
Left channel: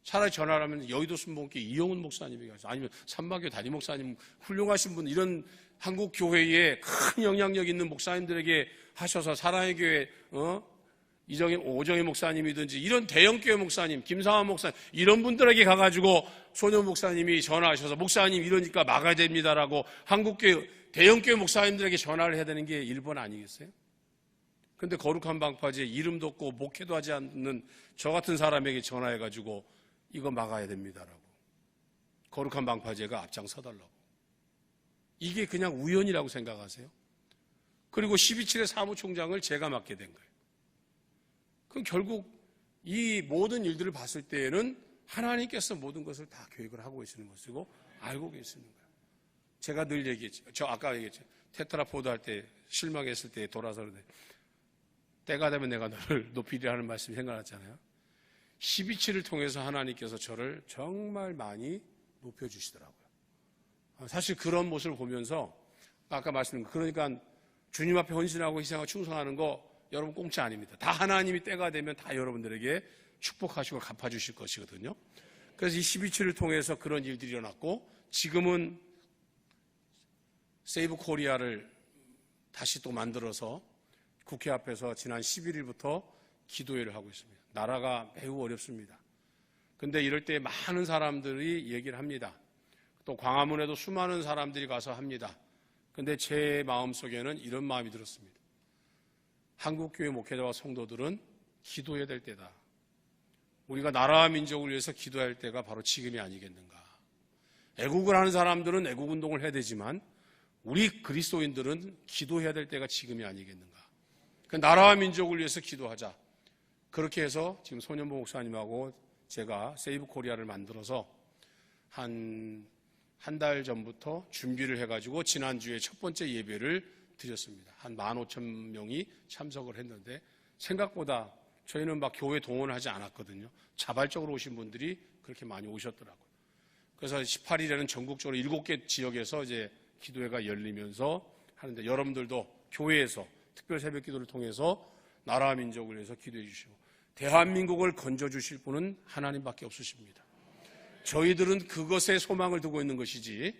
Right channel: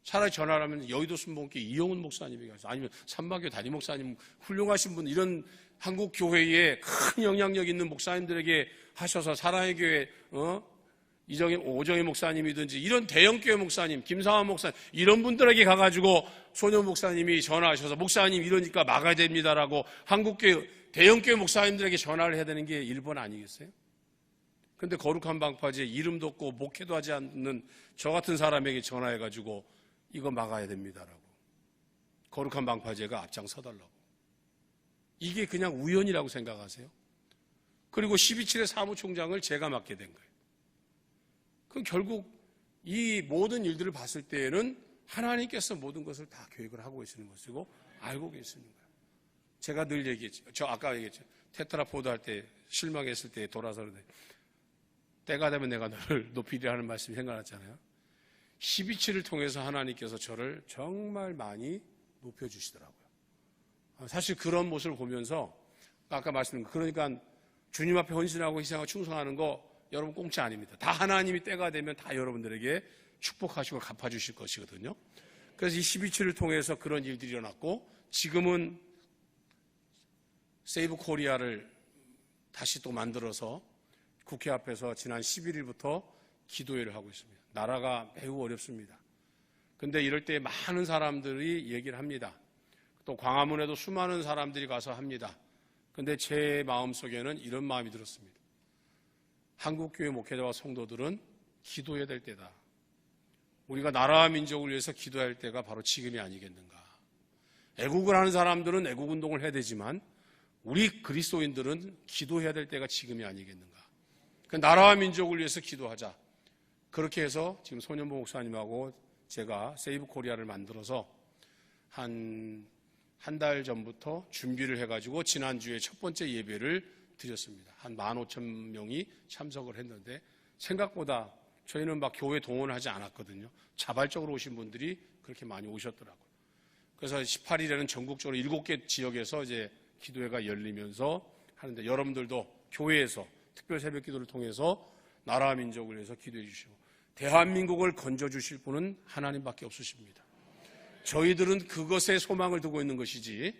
차라리 전화를 하면 여의도 순복음교회 이영훈 목사님이 가서, 아니면 삼마교회 담임 목사님, 훌륭하신 분, 이런 한국 교회에 큰 영향력 있는 목사님들에게 하셔서, 사랑의 교회 오정희 목사님이든지 이런 대형교회 목사님, 김상환 목사님, 이런 분들에게 가가지고 소년 목사님이 전화하셔서 목사님 이러니까 막아야 됩니다라고 한국교회 대형교회 목사님들에게 전화를 해야 되는 게 일본 아니겠어요? 근데 거룩한 방파제 이름도 없고 목회도 하지 않는 저 같은 사람에게 전화해가지고 이거 막아야 됩니다라고, 거룩한 방파제가 앞장서달라고. 이게 그냥 우연이라고 생각하세요? 그리고 12.7의 사무총장을 제가 맡게 된 거예요. 그럼 결국 이 모든 일들을 봤을 때에는 하나님께서 모든 것을 다 계획을 하고 계시는 것이고 알고 계시는 거예요. 제가 늘 얘기했죠. 저 아까 얘기했죠. 테트라포드 할 때 실망했을 때 돌아서 때가 되면 내가 너를 높이리라 하는 말씀이 생각났잖아요. 12.7을 통해서 하나님께서 저를 정말 많이 높여주시더라고요. 사실 그런 모습을 보면서 아까 말씀드린 거, 그러니까 주님 앞에 헌신하고 희생하고 충성하는 거 여러분 공짜 아닙니다. 다 하나님이 때가 되면 다 여러분들에게 축복하시고 갚아주실 것이거든요. 그래서 이 12.7을 통해서 그런 일들이 일어났고, 지금은 세이브 코리아를 다시 또 만들어서 국회 앞에서 지난 11일부터 기도회를 하고 있습니다. 나라가 매우 어렵습니다. 근데 이럴 때 많은 사람들이 얘기를 합니다. 또 광화문에도 수많은 사람들이 가서 합니다. 근데 제 마음속에는 이런 마음이 들었습니다. 한국교회 목회자와 성도들은 기도해야 될 때다. 우리가 나라와 민족을 위해서 기도할 때가 바로 지금이 아니겠는가. 애국을 하는 사람들은 애국운동을 해야 되지만 우리 그리스도인들은 기도해야 될 때가 지금이 아니겠는가. 그 나라와 민족을 위해서 기도하자. 그렇게 해서 지금 손현보 목사님하고 제가 세이브 코리아를 만들어서 한 달 전부터 준비를 해가지고 지난주에 첫 번째 예배를 드렸습니다. 한 15,000명이 참석을 했는데 생각보다 저희는 막 교회 동원을 하지 않았거든요. 자발적으로 오신 분들이 그렇게 많이 오셨더라고요. 그래서 18일에는 전국적으로 7개 지역에서 이제 기도회가 열리면서 하는데, 여러분들도 교회에서 특별 새벽 기도를 통해서 나라와 민족을 위해서 기도해 주시고, 대한민국을 건져주실 분은 하나님밖에 없으십니다. 저희들은 그것에 소망을 두고 있는 것이지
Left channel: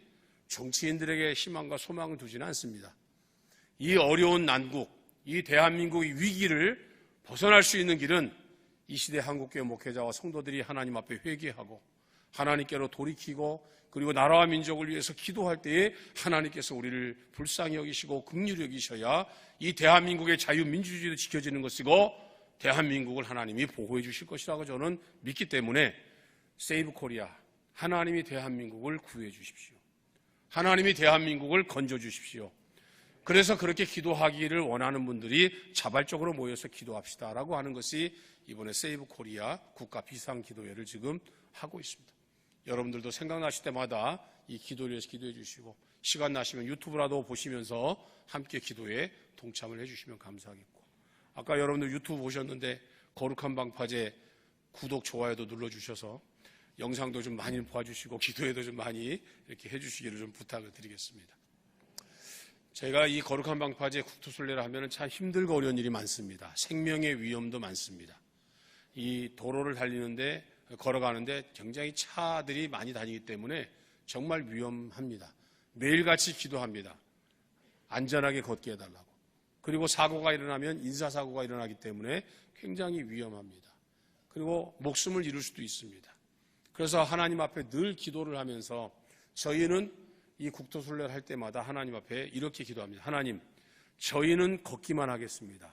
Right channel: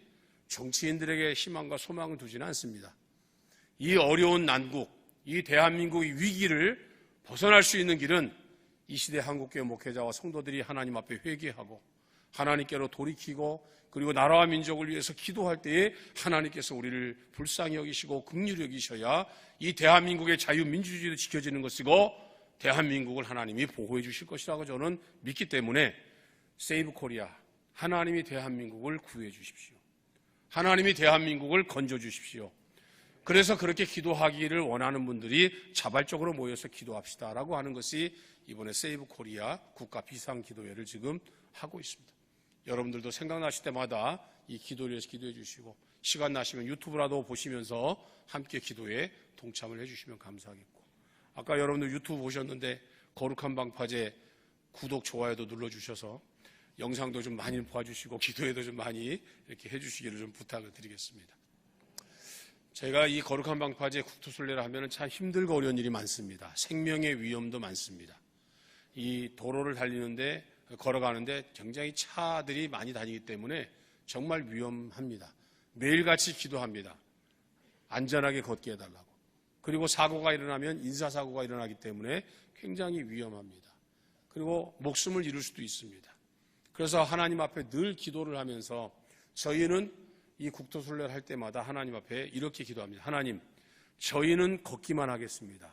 정치인들에게 희망과 소망을 두지는 않습니다. 이 어려운 난국, 이 대한민국의 위기를 벗어날 수 있는 길은 이 시대 한국교회 목회자와 성도들이 하나님 앞에 회개하고 하나님께로 돌이키고, 그리고 나라와 민족을 위해서 기도할 때에 하나님께서 우리를 불쌍히 여기시고 긍휼히 여기셔야 이 대한민국의 자유민주주의도 지켜지는 것이고 대한민국을 하나님이 보호해 주실 것이라고 저는 믿기 때문에 세이브 코리아, 하나님이 대한민국을 구해 주십시오. 하나님이 대한민국을 건져 주십시오. 그래서 그렇게 기도하기를 원하는 분들이 자발적으로 모여서 기도합시다라고 하는 것이 이번에 세이브 코리아 국가 비상기도회를 지금 하고 있습니다. 여러분들도 생각나실 때마다 이 기도를 위해서 기도해 주시고, 시간 나시면 유튜브라도 보시면서 함께 기도에 동참을 해 주시면 감사하겠고, 아까 여러분들 유튜브 보셨는데 거룩한 방파제 구독, 좋아요도 눌러주셔서 영상도 좀 많이 봐주시고 기도에도 좀 많이 이렇게 해주시기를 좀 부탁을 드리겠습니다. 제가 이 거룩한 방파제 국토순례를 하면 참 힘들고 어려운 일이 많습니다. 생명의 위험도 많습니다. 이 도로를 달리는데, 걸어가는데 굉장히 차들이 많이 다니기 때문에 정말 위험합니다. 매일같이 기도합니다. 안전하게 걷게 해달라고. 그리고 사고가 일어나면 인사사고가 일어나기 때문에 굉장히 위험합니다. 그리고 목숨을 잃을 수도 있습니다. 그래서 하나님 앞에 늘 기도를 하면서 저희는 이 국토순례를 할 때마다 하나님 앞에 이렇게 기도합니다. 하나님, 저희는 걷기만 하겠습니다.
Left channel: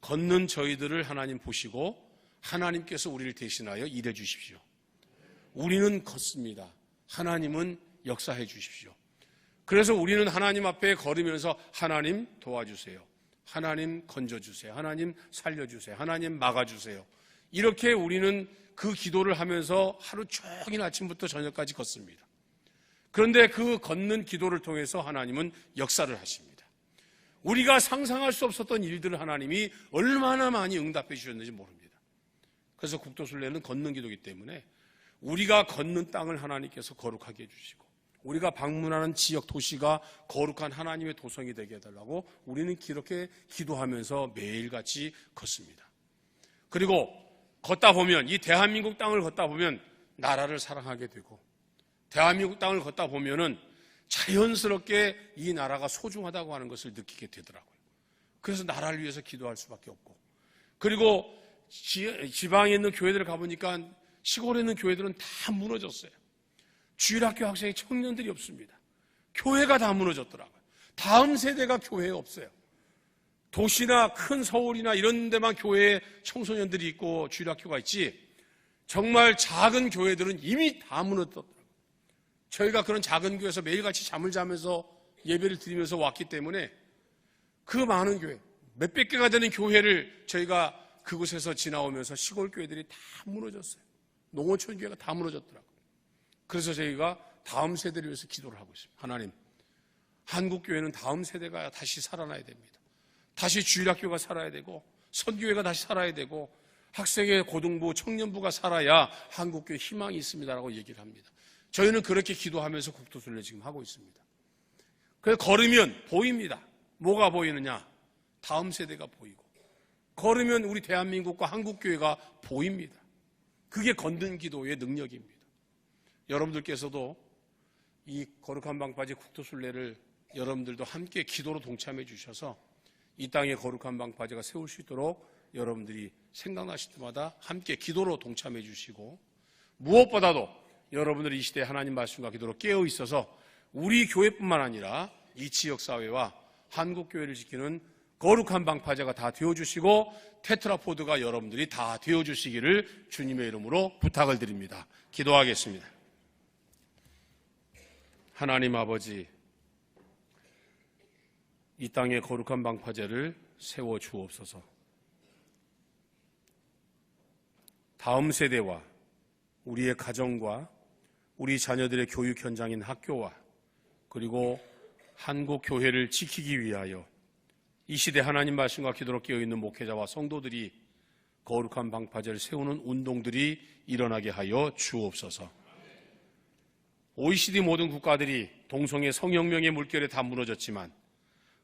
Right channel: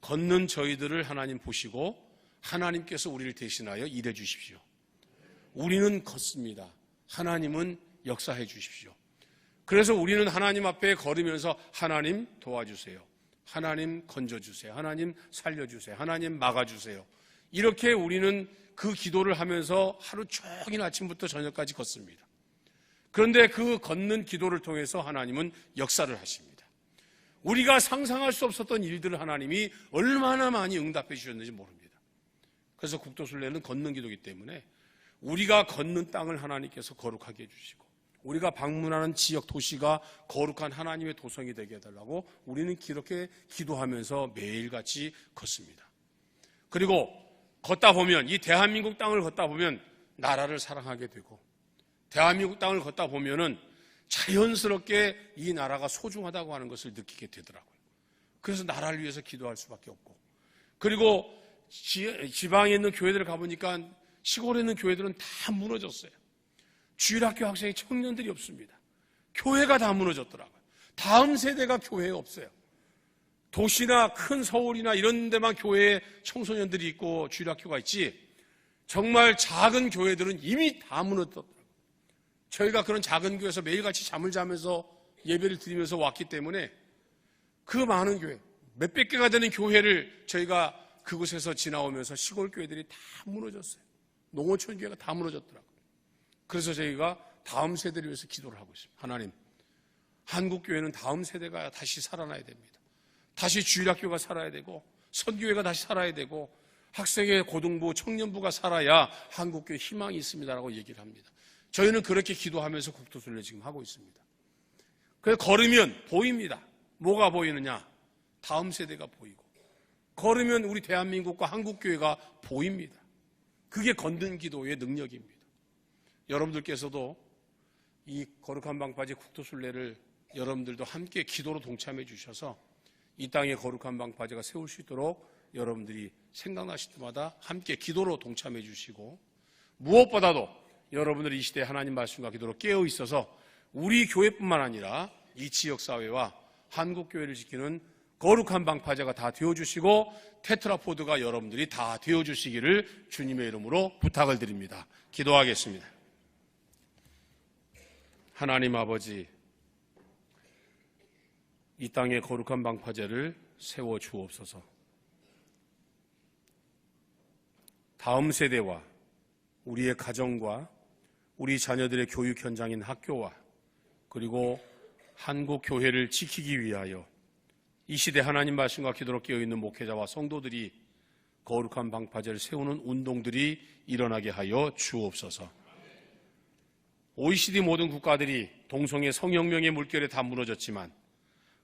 걷는 저희들을 하나님 보시고 하나님께서 우리를 대신하여 일해 주십시오. 우리는 걷습니다. 하나님은 역사해 주십시오. 그래서 우리는 하나님 앞에 걸으면서 하나님 도와주세요. 하나님 건져주세요. 하나님 살려주세요. 하나님 막아주세요. 이렇게 우리는 그 기도를 하면서 하루 종일 아침부터 저녁까지 걷습니다. 그런데 그 걷는 기도를 통해서 하나님은 역사를 하십니다. 우리가 상상할 수 없었던 일들을 하나님이 얼마나 많이 응답해 주셨는지 모릅니다. 그래서 국도순례는 걷는 기도이기 때문에 우리가 걷는 땅을 하나님께서 거룩하게 해주시고 우리가 방문하는 지역 도시가 거룩한 하나님의 도성이 되게 해달라고 우리는 이렇게 기도하면서 매일같이 걷습니다. 그리고 걷다 보면 이 대한민국 땅을 걷다 보면 나라를 사랑하게 되고 대한민국 땅을 걷다 보면은 자연스럽게 이 나라가 소중하다고 하는 것을 느끼게 되더라고요. 그래서 나라를 위해서 기도할 수밖에 없고 그리고 지방에 있는 교회들을 가보니까 시골에 있는 교회들은 다 무너졌어요. 주일학교 학생이 청년들이 없습니다. 교회가 다 무너졌더라고요. 다음 세대가 교회에 없어요. 도시나 큰 서울이나 이런 데만 교회에 청소년들이 있고 주일학교가 있지 정말 작은 교회들은 이미 다 무너졌더라고요. 저희가 그런 작은 교회에서 매일같이 잠을 자면서 예배를 드리면서 왔기 때문에 그 많은 교회, 몇백 개가 되는 교회를 저희가 그곳에서 지나오면서 시골 교회들이 다 무너졌어요. 농어촌 교회가 다 무너졌더라고요. 그래서 저희가 다음 세대를 위해서 기도를 하고 있어요. 하나님, 한국 교회는 다음 세대가 다시 살아나야 됩니다. 다시 주일학교가 살아야 되고 선교회가 다시 살아야 되고 학생의 고등부, 청년부가 살아야 한국교회 희망이 있습니다라고 얘기를 합니다. 저희는 그렇게 기도하면서 국도순례 지금 하고 있습니다. 그래서 걸으면 보입니다. 뭐가 보이느냐? 다음 세대가 보이고 걸으면 우리 대한민국과 한국교회가 보입니다. 그게 걷는 기도의 능력입니다. 여러분들께서도 이 거룩한 방파제 국토순례를 여러분들도 함께 기도로 동참해 주셔서 이 땅에 거룩한 방파제가 세울 수 있도록 여러분들이 생각나실 때마다 함께 기도로 동참해 주시고 무엇보다도 여러분들이 이 시대에 하나님 말씀과 기도로 깨어 있어서 우리 교회뿐만 아니라 이 지역사회와 한국교회를 지키는 거룩한 방파제가 다 되어주시고 테트라포드가 여러분들이 다 되어주시기를 주님의 이름으로 부탁을 드립니다. 기도하겠습니다. 하나님 아버지, 이 땅에 거룩한 방파제를 세워 주옵소서. 다음 세대와 우리의 가정과 우리 자녀들의 교육 현장인 학교와 그리고 한국 교회를 지키기 위하여 이 시대 하나님 말씀과 기도로 깨어있는 목회자와 성도들이 거룩한 방파제를 세우는 운동들이 일어나게 하여 주옵소서. OECD 모든 국가들이 동성애 성혁명의 물결에 다 무너졌지만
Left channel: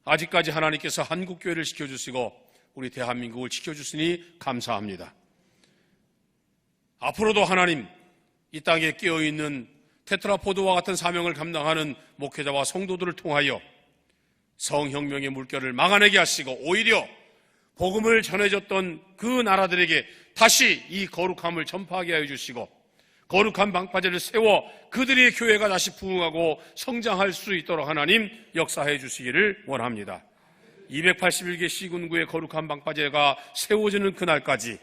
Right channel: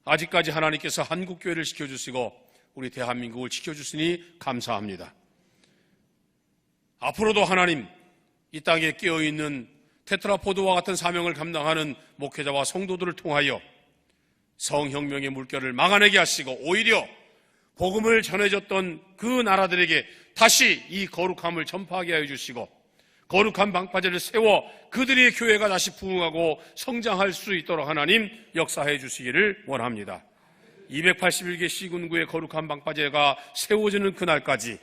아직까지 하나님께서 한국교회를 지켜주시고 우리 대한민국을 지켜주시니 감사합니다. 앞으로도 하나님 이 땅에 깨어있는 테트라포드와 같은 사명을 감당하는 목회자와 성도들을 통하여 성혁명의 물결을 막아내게 하시고 오히려 복음을 전해줬던 그 나라들에게 다시 이 거룩함을 전파하게 하여 주시고 거룩한 방파제를 세워 그들의 교회가 다시 부흥하고 성장할 수 있도록 하나님 역사해 주시기를 원합니다. 281개 시군구의 거룩한 방파제가 세워지는 그날까지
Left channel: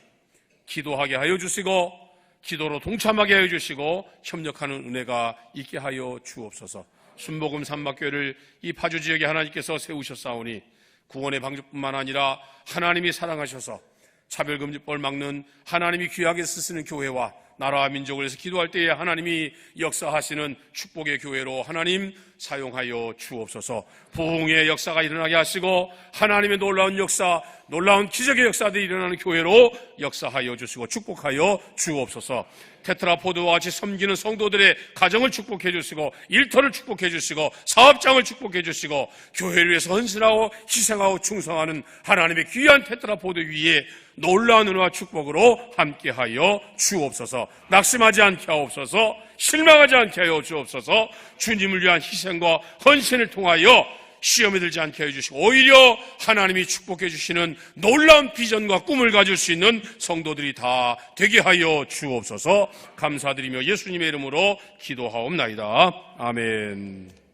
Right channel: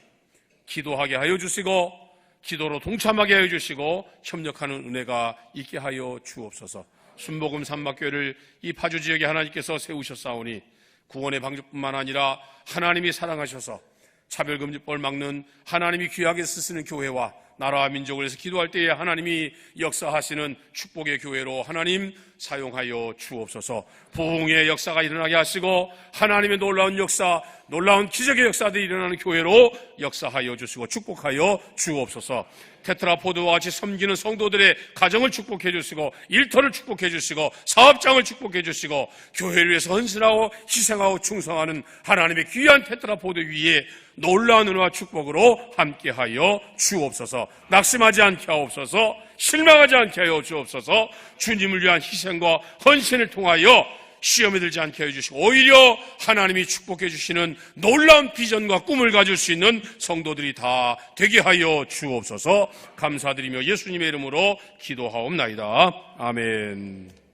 기도하게 하여 주시고 기도로 동참하게 하여 주시고 협력하는 은혜가 있게 하여 주옵소서. 순복음 산막교회를 이 파주 지역에 하나님께서 세우셨사오니 구원의 방주뿐만 아니라 하나님이 사랑하셔서 차별금지법을 막는 하나님이 귀하게 쓰시는 교회와 나라와 민족을 위해서 기도할 때에 하나님이 역사하시는 축복의 교회로 하나님 사용하여 주옵소서. 부흥의 역사가 일어나게 하시고 하나님의 놀라운 역사, 놀라운 기적의 역사들이 일어나는 교회로 역사하여 주시고 축복하여 주옵소서. 테트라포드와 같이 섬기는 성도들의 가정을 축복해 주시고 일터를 축복해 주시고 사업장을 축복해 주시고 교회를 위해서 헌신하고 희생하고 충성하는 하나님의 귀한 테트라포드 위에 놀라운 은혜와 축복으로 함께하여 주옵소서. 낙심하지 않게 하옵소서. 실망하지 않게 하여 주옵소서. 주님을 위한 희생과 헌신을 통하여 시험에 들지 않게 해주시고 오히려 하나님이 축복해 주시는 놀라운 비전과 꿈을 가질 수 있는 성도들이 다 되게 하여 주옵소서. 감사드리며 예수님의 이름으로 기도하옵나이다. 아멘.